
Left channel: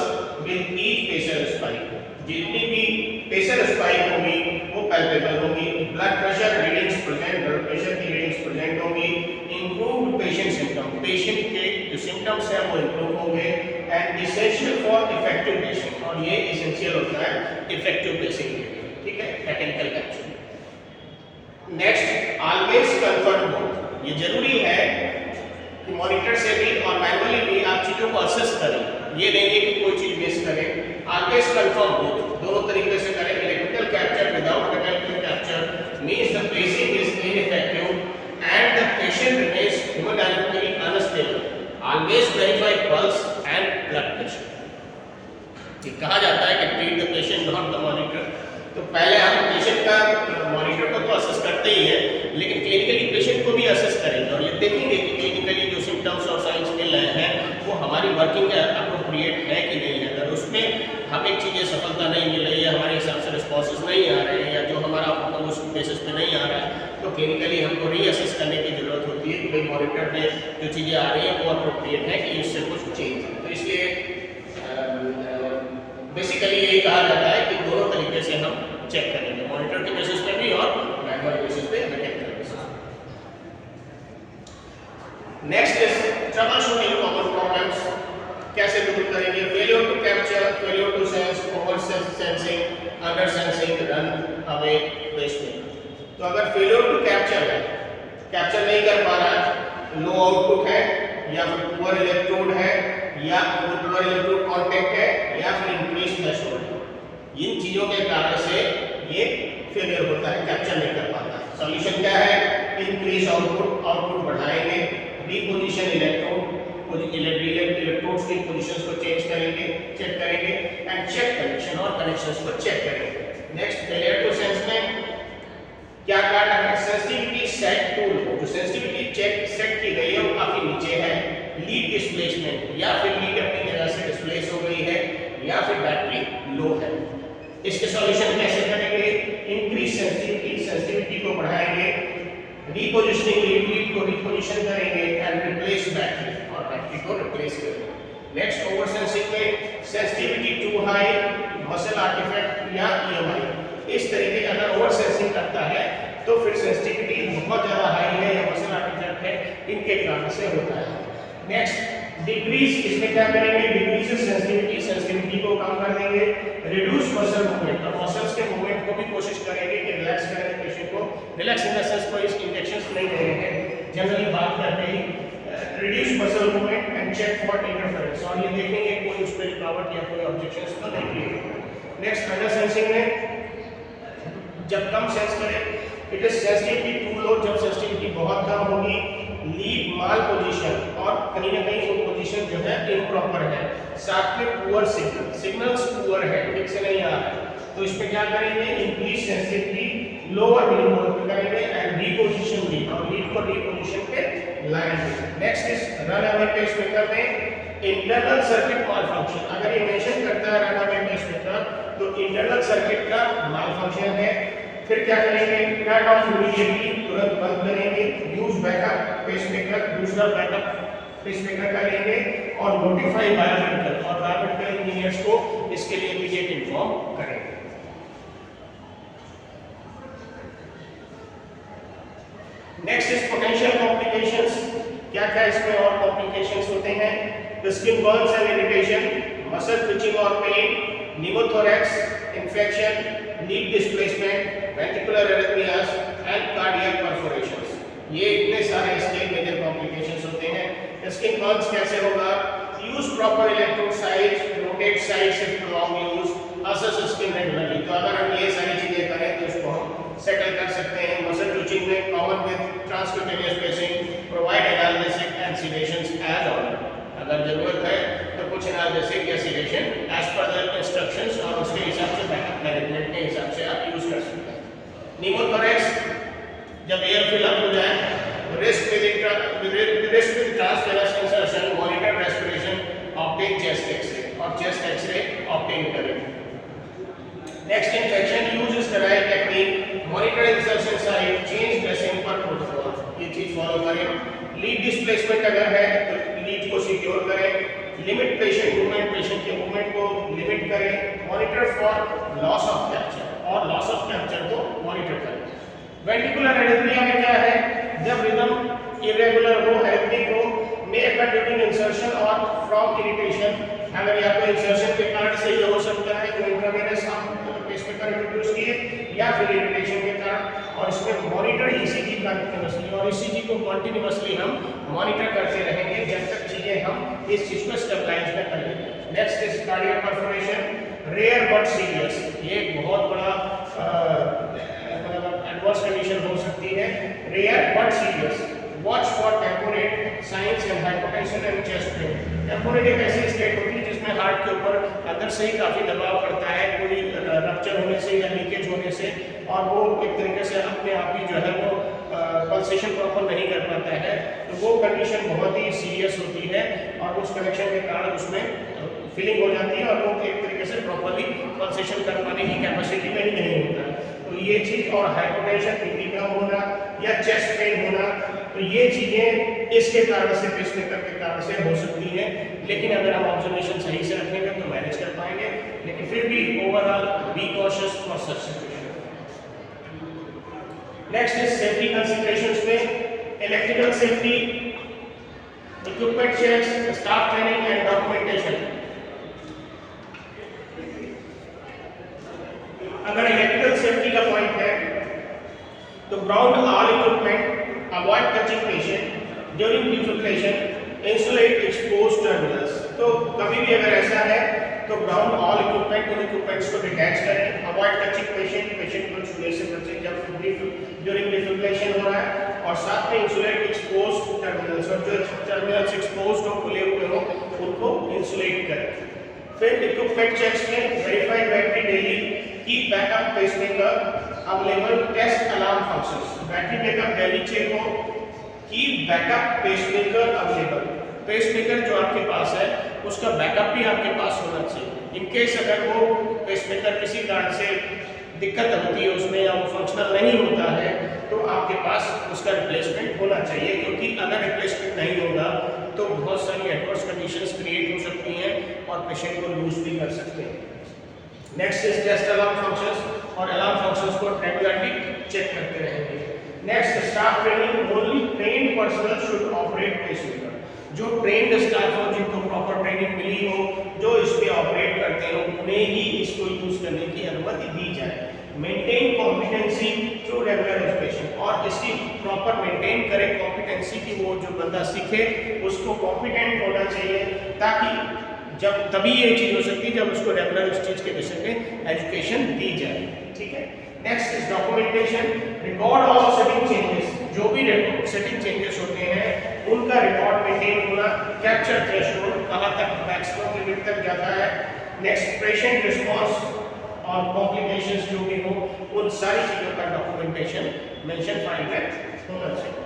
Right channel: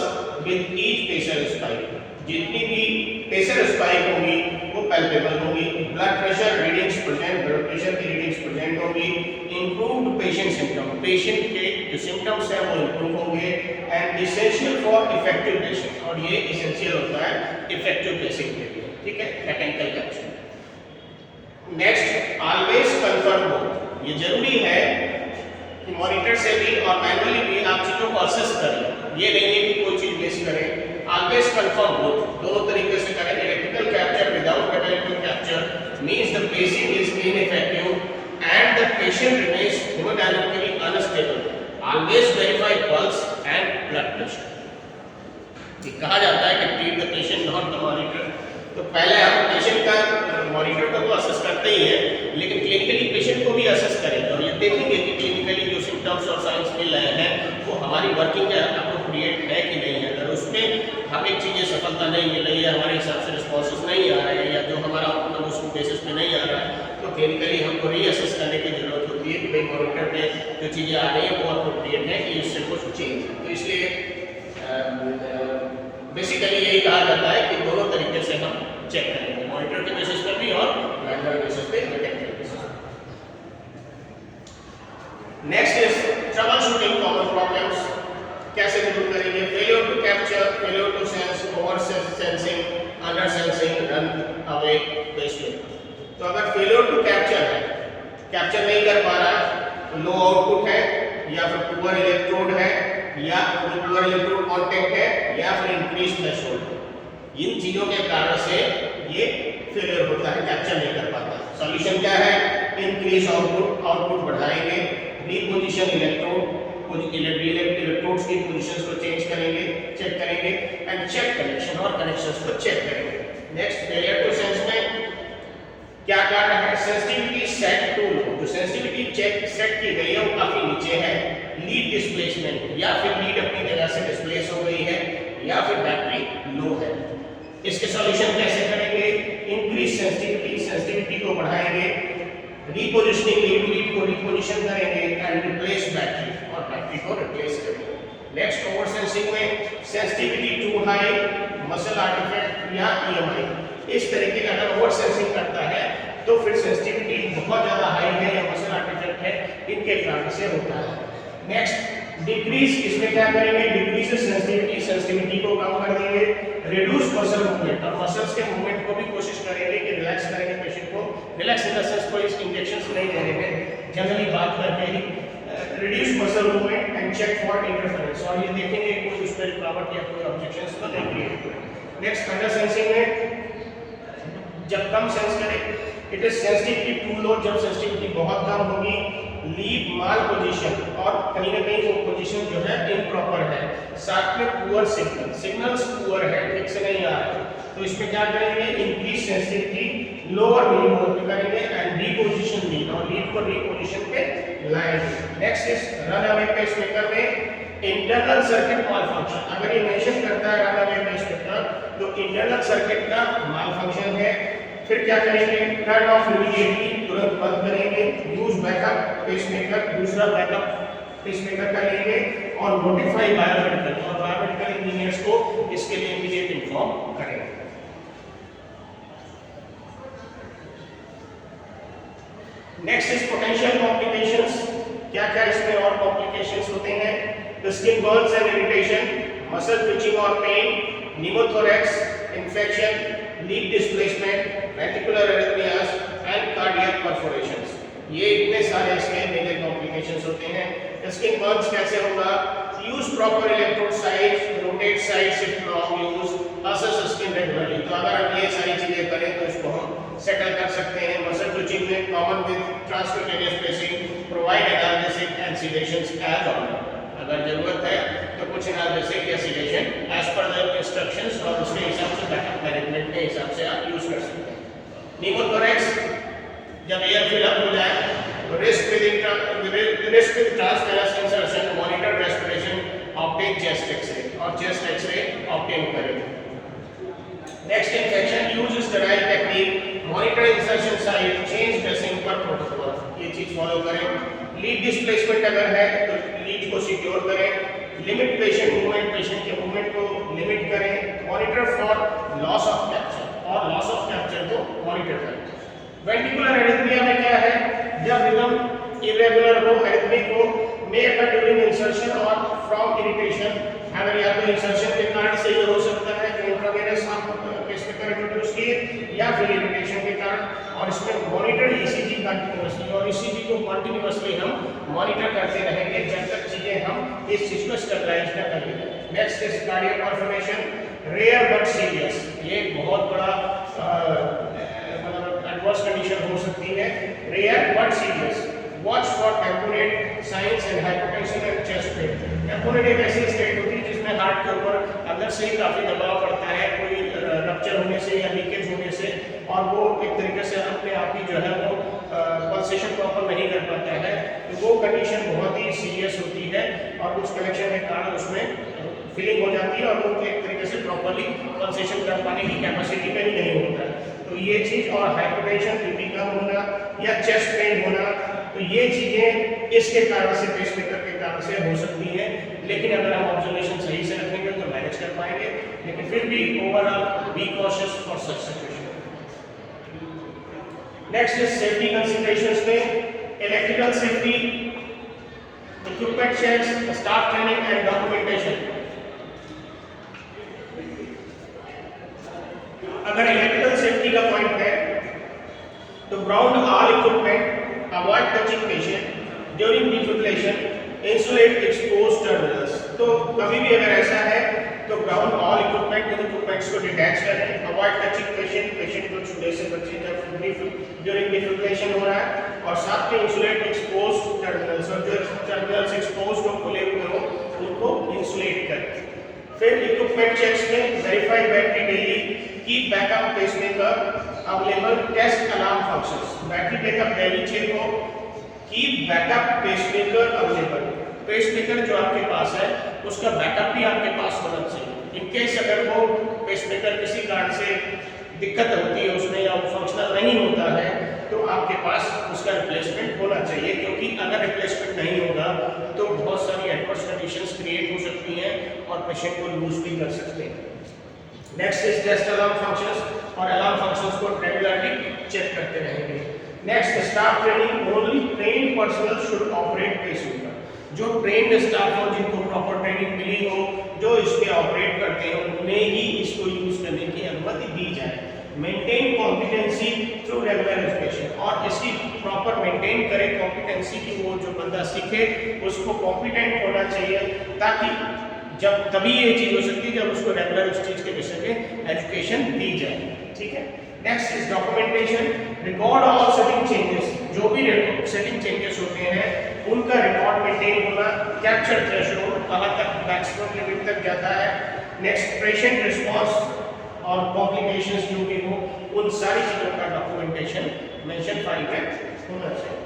with each pressure spike, जितनी भी प्रेशर स्पाइक होगी वो पैल्पेबल होगी। Blood pressure readings present, blood pressure की रीडिंग्स प्रेजेंट होगी। इंप्रूव्ड पेशेंट सिम्टम, पेशेंट के जो सिम्टम्स है वो इंप्रूव होंगे। And essential for effective patient, और ये इसेंशियल होता है इफेक्टिव पेशेंट के लिए, ठीक है, mechanical capture. Next, always confirm mode, ये जरूरी है कि मॉनिटर से भी और मैनुअली भी आप चीजों को असेस करें, ये नहीं है कि कोई चीज मिस करें। ऑलवेज कंफर्म मोड दोनों तरीके से करें। Electrical capture without mechanical capture means the pacing is ineffective and the patient remains hemodynamically unstable. Always verify pulse and blood pressure. ये कहा जाता है कि treat the patient not the monitor, तो पहले हम पेशेंट का मॉनिटर को तो असेस करते ही है, लेकिन क्लिनिकली पेशेंट को भी असेस करेंगे और ये देखेंगे कि क्लिनिकली जो सिम्टम्स और साइंस मिल रहे हैं वो हमारी वर्किंग के अप्रोप्रिएट है कि नहीं है। अगर उसमें हमें चीज़ें सफलता नहीं मिल रही है, हमारे हिसाब से रिस्पॉन्सेस नहीं आ रहे हैं, या जो हमारा मतलब उस बेसिस पे नहीं आ रहा है, तो क्लिनिकली हमको रीअसेस करने की जरूरत होती है कि भाई मॉनिटर में जो चीज़ें आ रही हैं वो अप्रोप्रिएट है कि उससे कुछ चेंज है। तो इसलिए बेसिकली यही कहा जाता है कि दोनों तरीके से हम चेक करेंगे, मॉनिटर के बेसिस पे भी और मैनुअल बेसिस पे, मैकेनिकल बेसिस पे। Next is troubleshooting common problems, कैसे दूर करेंगे। Failure to capture, failure to sense, oversensing, undersensing, runaway pacemaker. तो अगर फेलियर टू कैप्चर है, कैप्चर नहीं कर पा रहा है, लो आउटपुट है, या फिर पुअर इलेक्ट्रोड है, या पुअर इलेक्ट्रोड कांटेक्ट है, या फिर इंक्रीज थ्रेशोल्ड है, इन चीजों के कारण से ये फेलियर होता है, कैप्चर नहीं कर पाता। सॉल्यूशन क्या है? इंक्रीज आउटपुट, आउटपुट बढ़ाएंगे, रीपोजिशन इलेक्ट्रोड, इलेक्ट्रोड्स की पोजीशंस को चेंज करेंगे, चेक करेंगे, एंड चेक कनेक्शन और कनेक्शंस को चेक करेंगे। नेक्स्ट, फेलियर टू सेंस में क्या करना है? सेंसिटिविटी सेट टू लो, जो सेंसिटिविटी चेक सेट की गई है वो काफी नीचे है। लीड डिस्प्लेसमेंट, या फिर लीड अपनी जगह से डिस्प्लेस हो गई है, या फिर बैटरी लो है। इसके सॉल्यूशन कैसे करेंगे? इंक्रीज सेंसिटिविटी, सेंसिटिविटी को बढ़ाएंगे, रीपोजिशनिंग लीड को रीपोजिशन करेंगे, एंड रिप्लेस बैटरी, और बैटरी को रिप्लेस करेंगे। नेक्स्ट, ओवर सेंसिंग में sensitivity too high, muscle artifact या ईएमआई, इस तरीके का अगर ओवर सेंसिंग करता है तो फिर सेंसिटिविटी बहुत ज्यादा हाई है या मसल आर्टिफैक्ट है, इनके कारण से होता है। नेक्स्ट, डिक्रीज, इसमें क्या करेंगे? डिक्रीज सेंसिटिविटी, सेंसिटिविटी को कम कर देंगे, रिड्यूस मसल मूवमेंट, और मसल्स के मूवमेंट को भी कोशिश करेंगे कि रिलैक्स करेंगे पेशेंट को। रिलैक्स इन द सेंस कोई इंजेक्शंस नहीं दे रहे हैं, जनरली बात करते ही reduce muscle movement and check for interference, और ये देखेंगे कोई उस पर रुकावट या कोई ऑब्जेक्शंस तो नहीं किए। नेक्स्ट, अंडर सेंसिंग में जब कम सेंस करें, it is sensitivity to low, जब सेंसिटिविटी बहुत कम होगी, लीड माल पोजीशन, और कहीं ना कहीं वो पोजीशन जो है इम्प्रॉपर है, साथ में पुअर सिग्नल, सिग्नल्स पुअर है, ठीक से नहीं आ रहा, तो इसमें क्या करेंगे? इंक्रीज सेंसिटिविटी लोअर मिलीमोल पे करेंगे, एंड रीपोजिशन लीड, और लीड को रीपोजिशन पे लाएंगे। Next is run away pacemaker में इंटरनल सर्किट मालफंक्शन, अगर ये मेंशन करता है रन अवे पेसमेकर तो इंटरनल सर्किट का मालफंक्शन है। फिर क्या करेंगे? टर्न ऑफ इमीडिएटली, तुरंत बंद करेंगे, यूज बैकअप पेसमेकर, दूसरा बैकअप पेसमेकर करेंगे, और नोटिफाई बायोमेडिकल, और बायोमेडिकल इंजीनियर्स को इसके लिए इमीडिएट इन्फॉर्म करेंगे। नेक्स्ट इज पोटेंशियल कॉम्प्लिकेशंस, क्या क्या इसमें और कॉम्प्लिकेशंस होते हैं? The skin burns and irritation, muscle twitching और pain, pneumothorax infection, lead displacement, ventricular arrhythmias and cardiac perforations, ये इतने सारे इसके मेजर कॉम्प्लिकेशंस होते हैं। स्किन बर्न्स कैसे होगा? Use proper electrode size, rotate side shift long use, assess skin regularly, तो अगर हम ये सारी चीजें करें तो इसको हम सेटल कर सकते हैं। मसल ट्विचिंग में common with transcutaneous pacing, provide analgesic and sedations as order, अगर जरूरत है तो कुछ एनाल्जेसिक या sedation as per the instructions, और उसके हिसाब से बैकअप मैनेजमेंट के हिसाब से आप यूज कर सकते हैं। निमोथोरैक्स, जब एयर फिल अप हो जाए तो risk with transvenous insertion, monitor respiration, obtain chest X ray, और चेस्ट एक्सरे ऑब्टेन करें। Next, infection, use sterile technique, monitor insertion site, change dressing per protocol, ये चीज फॉलो करें। लीड डिस्प्लेसमेंट अगर है तो लीड को सिक्योर करें, लिमिट पेशेंट मूवमेंट, पेशेंट के मूवमेंट को लिमिट करें, monitor for loss of capture और लॉस ऑफ कैप्चर को मॉनिटर करें। वेंट्रिकुलर एरिथमिया में क्या है, जब रिदम इरेगुलर हो, एरिथमिक हो, मे अकर ड्यूरिंग इंसर्शन और फ्रॉम इरिटेशन, अगर या तो इंसर्शन के कारण से ये हो सकता है जो इंट्रावेनस आप पेसमेकर इंट्रोड्यूस किए, या फिर इरिटेशन के कारण, और इसमें मॉनिटर ईसीजी कंटीन्यूअसली, और ईसीजी को कंटीन्यूअसली हम मॉनिटर करते रहेंगे जब तक चीजें हम इस चीज को स्टेबलाइज न कर लें। Next is cardiac perforation, rare but serious, ये एक बहुत बड़ा एडवर्स कंडीशन हो सकती है, rare but serious. Watch for tamponade signs and hypotension and chest pain. Tamponade एक ऐसी स्टेट होती है जिसमें हार्ट के ऊपर अंदर से ही काफी दबाव पड़ता है, कोई रप्चर होने से या लीकेज होने से, और वो एक तरीके से अपने आप ही जो है वो पल्सेशन प्रॉपर नहीं कर पाता है, तो वो कंडीशन बहुत ही सीरियस होती है और उस कनेक्शन के कारण उसमें फीलिंग हो जाती है और वो एक तरीके से प्रॉपरली पल्सेशन कर पाने की कैपेसिटी में ही नहीं होता है। तो ये चीज, और हाइपोटेंशन, बीपी कम होना या चेस्ट पेन होना, तो ये चीजें इसके कारण से, पेसमेकर के कारण से हो सकती हैं। लेकिन अगर हम ऑब्जर्वेशन सही से रखेंगे तो मैनेज कर पाएंगे, लेकिन फिर भी overall be cautious for such situation. Next is safety considerations में electrical safety, equipment checks, staff training and documentation. अगर इलेक्ट्रिकल सेफ्टी का पॉइंट है तो ground all equipment, avoid touching patient during defibrillation, insulate exposed terminals. तो कभी भी अगर ऐसा है तो ग्राउंड ऑल इक्विपमेंट, उन इक्विपमेंट्स को डिटैच करें, अवॉइड टचिंग पेशेंट, पेशेंट को छूने से बचें जब ड्यूरिंग डिफिब्रिलेशन हो रहा है, और साथ में इंसुलेट एक्सपोज्ड टर्मिनल्स, और जो टर्मिनल्स एक्सपोज्ड हो, खुले हुए हो, उनको इंसुलेट करें। फिर इक्विपमेंट चेक्स में verify battery daily, keep backup pacemaker available, test alarm functions. Battery backup daily check हो, keep backup pacemaker available, pacemaker जो आपके पास है उसका बैकअप भी आपके पास होना चाहिए। इन केस अगर वो पेसमेकर किसी कारण से दिक्कत होती है उसमें या वो फंक्शनल नहीं होता है तो आपके पास उसका रिप्लेसमेंट होना चाहिए, क्योंकि अगर रिप्लेसमेंट नहीं होगा तो बहुत सारी एडवर्स कंडीशंस क्रिएट हो सकती हैं और पेशेंट को लूज भी कर सकते हैं। Next is test alarm functions, और अलार्म फंक्शंस को रेगुलरली चेक करते रहेंगे। Next staff training, only trained personnel should operate pacemaker. जो ट्रेन्ड स्टाफ हो, जिनको प्रॉपर ट्रेनिंग मिली हो, जो इस पे ऑपरेट करते हैं, उन्हें ही इसको यूज करने की अनुमति दी जाए। Maintain competency through regular education, और इसकी प्रॉपर मेंटेन करें कॉम्पिटेंसी की, वो जो बंदा सीखे उसको कॉम्पिटेंट होना चाहिए, ताकि जब तभी ये चीज हो सकती है जब उसको रेगुलर उस चीज के विषय में एजुकेशन दी जाए। ठीक है। Next is documentation, record all setting changes, जो भी सेटिंग चेंजेस होते हैं उनका रिकॉर्ड मेंटेन होना, कैप्चर थ्रेशोल्ड कहां तक मैक्सिमम लिमिट तक जाता है, नेक्स्ट पेशेंट रिस्पांस और कॉम्प्लिकेशंस जो भी हो, उन सारी चीजों का डॉक्यूमेंटेशन मेंशन फाइल में होना चाहिए।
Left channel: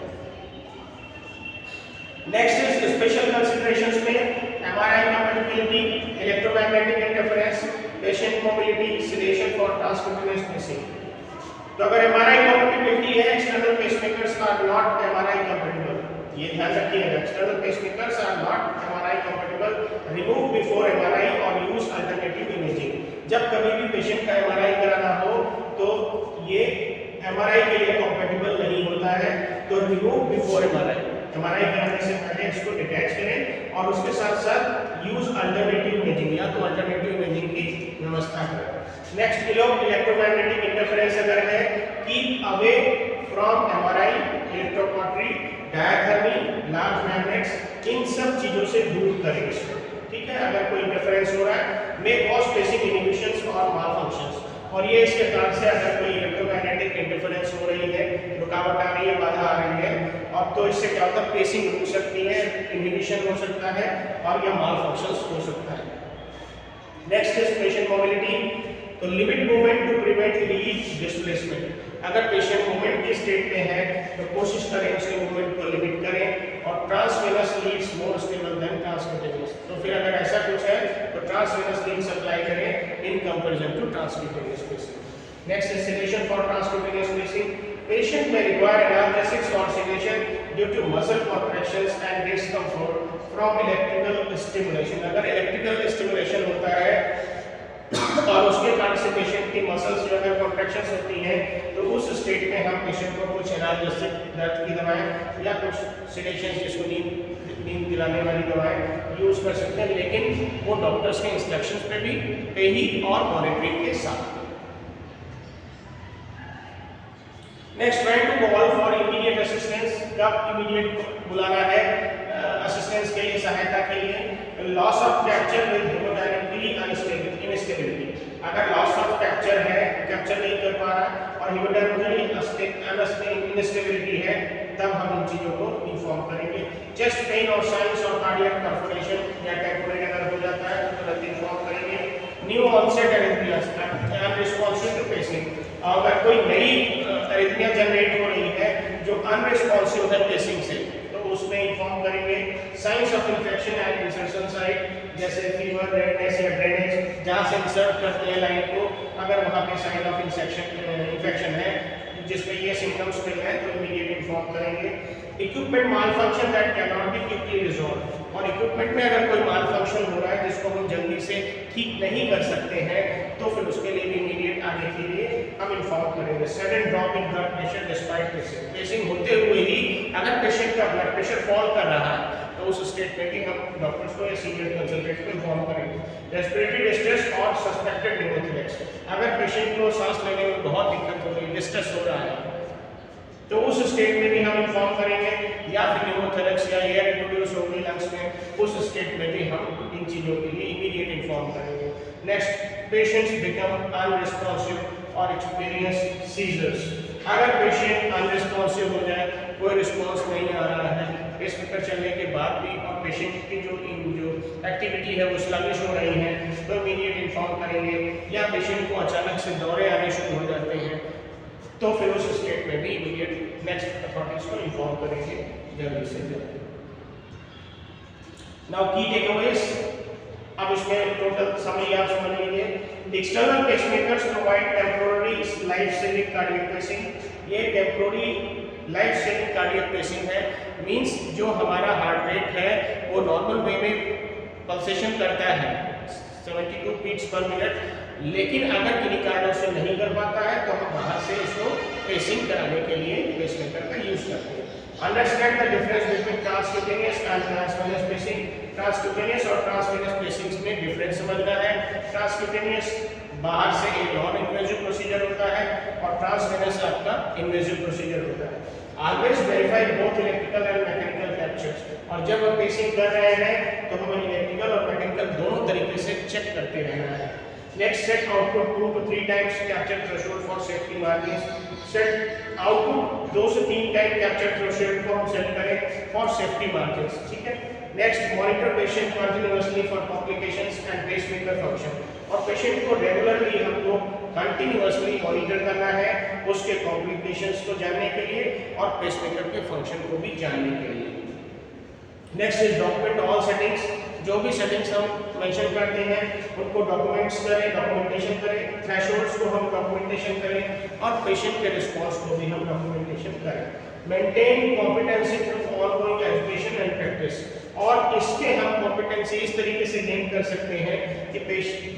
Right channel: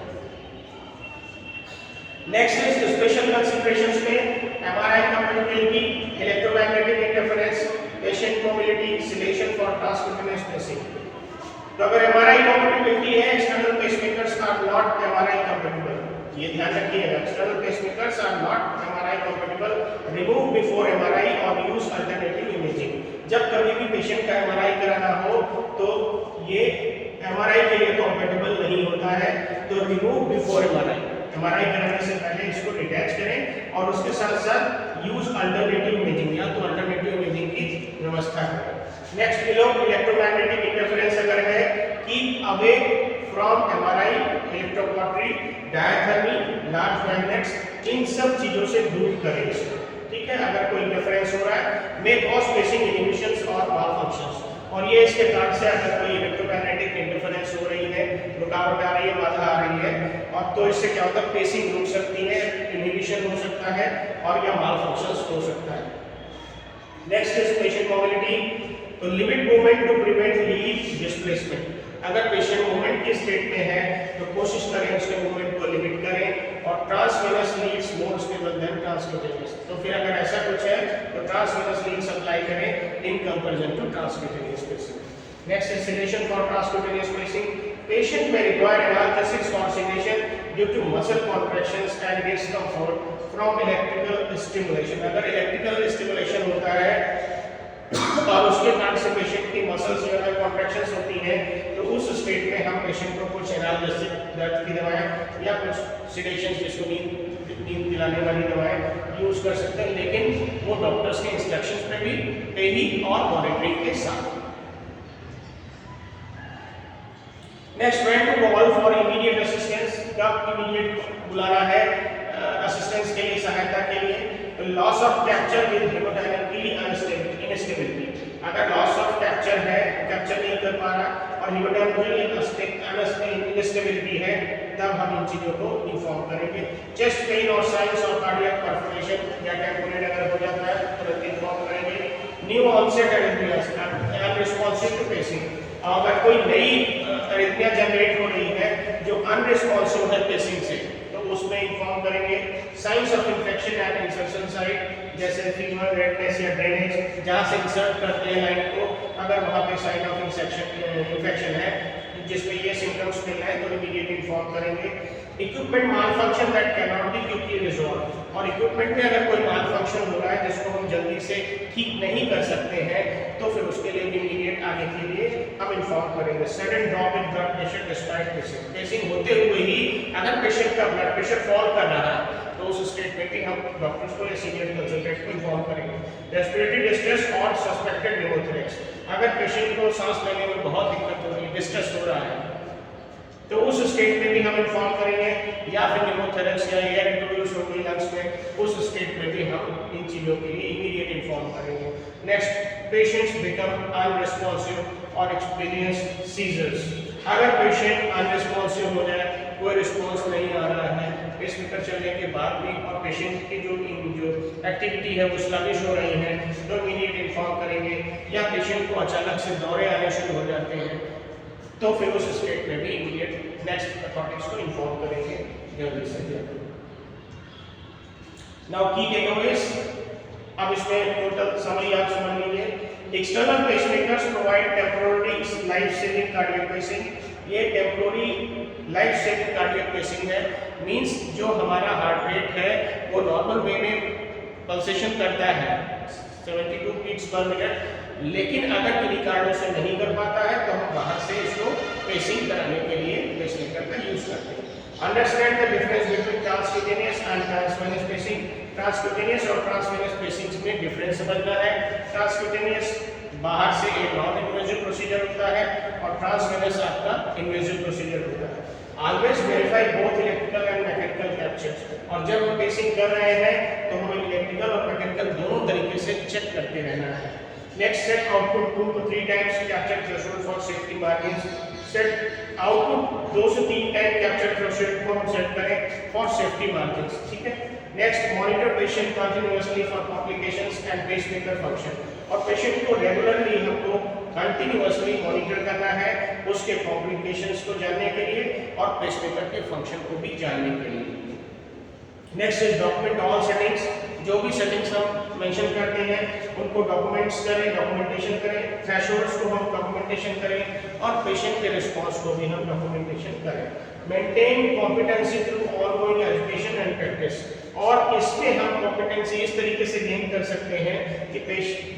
नेक्स्ट इज स्पेशल कंसीडरेशंस में MRI compatibility, electromagnetic interference, patient mobility, sedation for transcutaneous pacing. तो अगर एमआरआई कंपैटिबिलिटी है, external pacemakers are not MRI compatible, ये ध्यान रखिएगा, external pacemakers are not MRI compatible, remove before MRI और यूज अल्टरनेटिव इमेजिंग। जब कभी भी पेशेंट का एमआरआई कराना हो तो ये एमआरआई के लिए कंपैटिबल नहीं होता है, तो रिमूव बिफोर एमआरआई, एमआरआई कराने से पहले इसको डिटैच करें और उसके साथ साथ यूज अल्टरनेटिव इमेजिंग, या तो अल्टरनेटिव इमेजिंग की व्यवस्था करें। नेक्स्ट इलेक्ट्रोमैग्नेटिक इंटरफेरेंस अगर है, keep away from MRI, electrocautery, diathermy, large magnets, इन सब चीजों से दूर करें इसको। ठीक है। अगर कोई इंटरफेरेंस हो रहा है, मे कॉज पेसिंग इनहिबिशंस और मालफंक्शंस, और ये इसके कारण से अगर कोई इलेक्ट्रोमैग्नेटिक इंटरफेरेंस हो रही है, रुकावट आ रही है, बाधा आ रही है, और तो इससे क्या होता है, पेसिंग रुक सकती है, इनहिबिशन हो सकता है और या मालफंक्शंस हो सकता है। नेक्स्ट इज पेशेंट मोबिलिटी, तो limit movement to prevent lead displacement. अगर पेशेंट मूवमेंट की स्टेट में है तो कोशिश करें उसके मूवमेंट को लिमिट करें, और transvenous leads more stable than transcutaneous. तो फिर अगर ऐसा कुछ है तो ट्रांसवेनस लीड सप्लाई करें in comparison to transcutaneous pacing. Next is sedation for transcutaneous pacing, patient may require analgesics or sedation due to muscle contractions and discomfort from electrical stimulation. अगर इलेक्ट्रिकल स्टिमुलेशन होता है और उसके कारण से पेशेंट की मसल्स जो है कॉन्ट्रैक्शंस होती हैं, तो उस स्टेट में हम पेशेंट को कुछ एनाल्जेसिक दर्द की दवाएं या कुछ सेडेशन जिसको नींद दिलाने वाली दवाएं यूज कर सकते हैं, लेकिन वो डॉक्टर्स के इंस्ट्रक्शंस पे ही और मॉनिटरिंग के साथ। Next, when to call for immediate assistance, कब इमीडिएट बुलाना है असिस्टेंस के लिए, सहायता के लिए। Loss of capture with hemodynamically instability, अगर लॉस ऑफ कैप्चर है, कैप्चर नहीं कर पा रहा और हेमोडायनामिकली इनस्टेबिलिटी है, तब हम इन चीजों को इन्फॉर्म करेंगे। चेस्ट पेन और साइंस और कार्डियक परफोरेशन या टेम्पोरेट अगर हो जाता है तो तुरंत इन्फॉर्म करेंगे। New onset arrhythmias, unresponsive to pacing, अगर कोई नई एरिथमिया जनरेट हो रही है जो अनरिस्पॉन्सिव है पेसिंग से, तो उसमें इन्फॉर्म करेंगे। Signs of infection at insertion site, जैसे फीवर, रेडनेस या ड्रेनेज, जहाँ से इंसर्ट करते हैं लाइन को, अगर वहाँ पे साइन ऑफ इन्फेक्शन है जिसमें ये सिम्टम्स मिल रहे हैं, तो इमीडिएट इन्फॉर्म करेंगे। Equipment mall function that can not be quickly resolve, और इक्विपमेंट में अगर कोई माल फंक्शन हो रहा है जिसको हम जल्दी से ठीक नहीं कर सकते हैं, तो फिर उसके लिए भी इमीडिएट आगे के लिए हम इन्फॉर्म करेंगे। Sudden drop in blood pressure despite pacing, pacing होते हुए ही अगर पेशेंट का ब्लड प्रेशर फॉल कर रहा है, तो उस स्टेटमेंट में हम डॉक्टर्स को या सीनियर कंसल्टेंट को इन्फॉर्म करेंगे। रेस्पिरेटरी डिस्ट्रेस और सस्पेक्टेड न्यूमोथोरेक्स, अगर पेशेंट को सांस लेने में बहुत दिक्कत हो रही है, डिस्ट्रेस हो रहा है, तो उस स्टेट में भी हम इन्फॉर्म करेंगे। या फिर न्यूमोथोरेक्स या एयर इंट्रोड्यूस हो गई लंग्स में, उस स्टेट में भी हम इन चीज़ों के लिए इमीडिएट इन्फॉर्म करेंगे। नेक्स्ट, पेशेंट्स बिकम अनरिस्पॉन्सिव और एक्सपीरियंस सीजर्स, अगर पेशेंट अनरिस्पॉन्सिव हो जाए, कोई रिस्पॉन्स नहीं आ रहा है पेसमेकर चलने के बाद भी, और पेशेंट की जो एक्टिविटी है वो स्लगिश हो रही है, तो इमीडिएट इन्फॉर्म करेंगे। या पेशेंट को अचानक से दौरे आने शुरू हो जाते हैं, तो फिर उस स्टेट में भी इमीडिएट नेक्स्ट अथॉरिटीज को इन्फॉर्म करेंगे जल्दी से जल्दी। नाउ की टेकअवेज, अब इसमें टोटल समरी आप समझ लीजिए। External pacemakers provide temporary life saving cardiac pacing, ये temporary life saving cardiac pacing है, मींस जो हमारा हार्ट रेट है वो नॉर्मल वे में पल्सेशन करता है 72 बीट्स पर मिनट, लेकिन अगर किन्हीं कारणों से नहीं कर पाता है तो हम बाहर से इसको पेसिंग कराने के लिए पेसमेकर का यूज करते हैं। Understand the difference between transcutaneous and transvenous pacing, transcutaneous और ट्रांसवेनस पेसिंग में डिफरेंस समझना है। ट्रांसक्यूटेनियस बाहर से एक नॉन इन्वेजिव प्रोसीजर होता है और ट्रांसवेनस आपका इन्वेजिव प्रोसीजर होता है। Always verify both electrical and mechanical captures, और जब हम पेसिंग कर रहे हैं तो हमें इलेक्ट्रिकल और मैकेनिकल दोनों तरीके से चेक करते रहना है। Next, set output 2 to 3 times capture threshold for safety margins, set output 2 से 3 टाइम कैप्चर थ्रेशोल्ड को हम सेट करें फॉर सेफ्टी मार्जिन्स, ठीक है। Next, monitor patient continuously for complications and pacemaker function, और पेशेंट को रेगुलरली हमको कंटिन्यूअसली मॉनिटर करना है उसके कॉम्प्लिकेशंस को जानने के लिए और पेसमेकर के फंक्शन को भी जानने के लिए। Next is document all settings, जो भी सेटिंग्स हम मेंशन करते हैं उनको डॉक्यूमेंट्स करें, डॉक्यूमेंटेशन करें, थ्रेशोल्ड्स को हम डॉक्यूमेंटेशन करें और पेशेंट के रिस्पांस को भी हम डॉक्यूमेंटेशन करें। Maintain competency through ongoing education and practice, और इसमें हम कॉम्पिटेंसी इस तरीके से गेन कर सकते हैं कि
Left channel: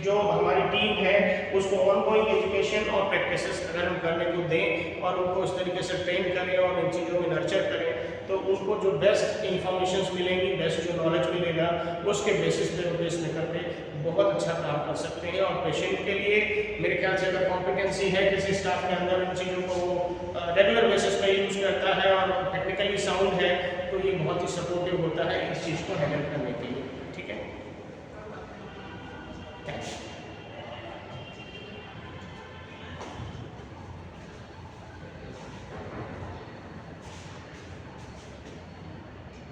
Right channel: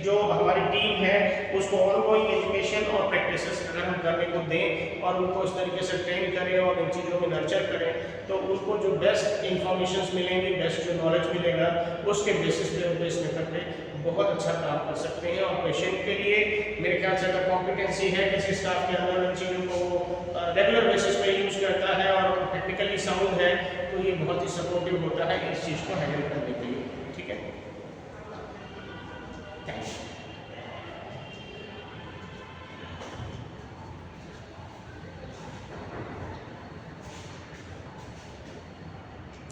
जो हमारी टीम है उसको ऑनगोइंग एजुकेशन और प्रैक्टिसेस अगर हम करने को दें और उनको इस तरीके से ट्रेन करें और इन चीज़ों में नर्चर करें, तो उसको जो बेस्ट इंफॉर्मेशन मिलेंगी, बेस्ट जो नॉलेज मिलेगा, उसके बेसिस पे वो पेसमेकर पे बहुत अच्छा काम कर सकते हैं। और पेशेंट के लिए मेरे ख्याल से अगर कॉम्पिटेंसी है किसी स्टाफ के अंदर, इन चीज़ों को वो रेगुलर बेसिस पे यूज करता है और टेक्निकली साउंड है, तो ये बहुत ही सपोर्टिव होता है इस चीज़ को हैंडल करने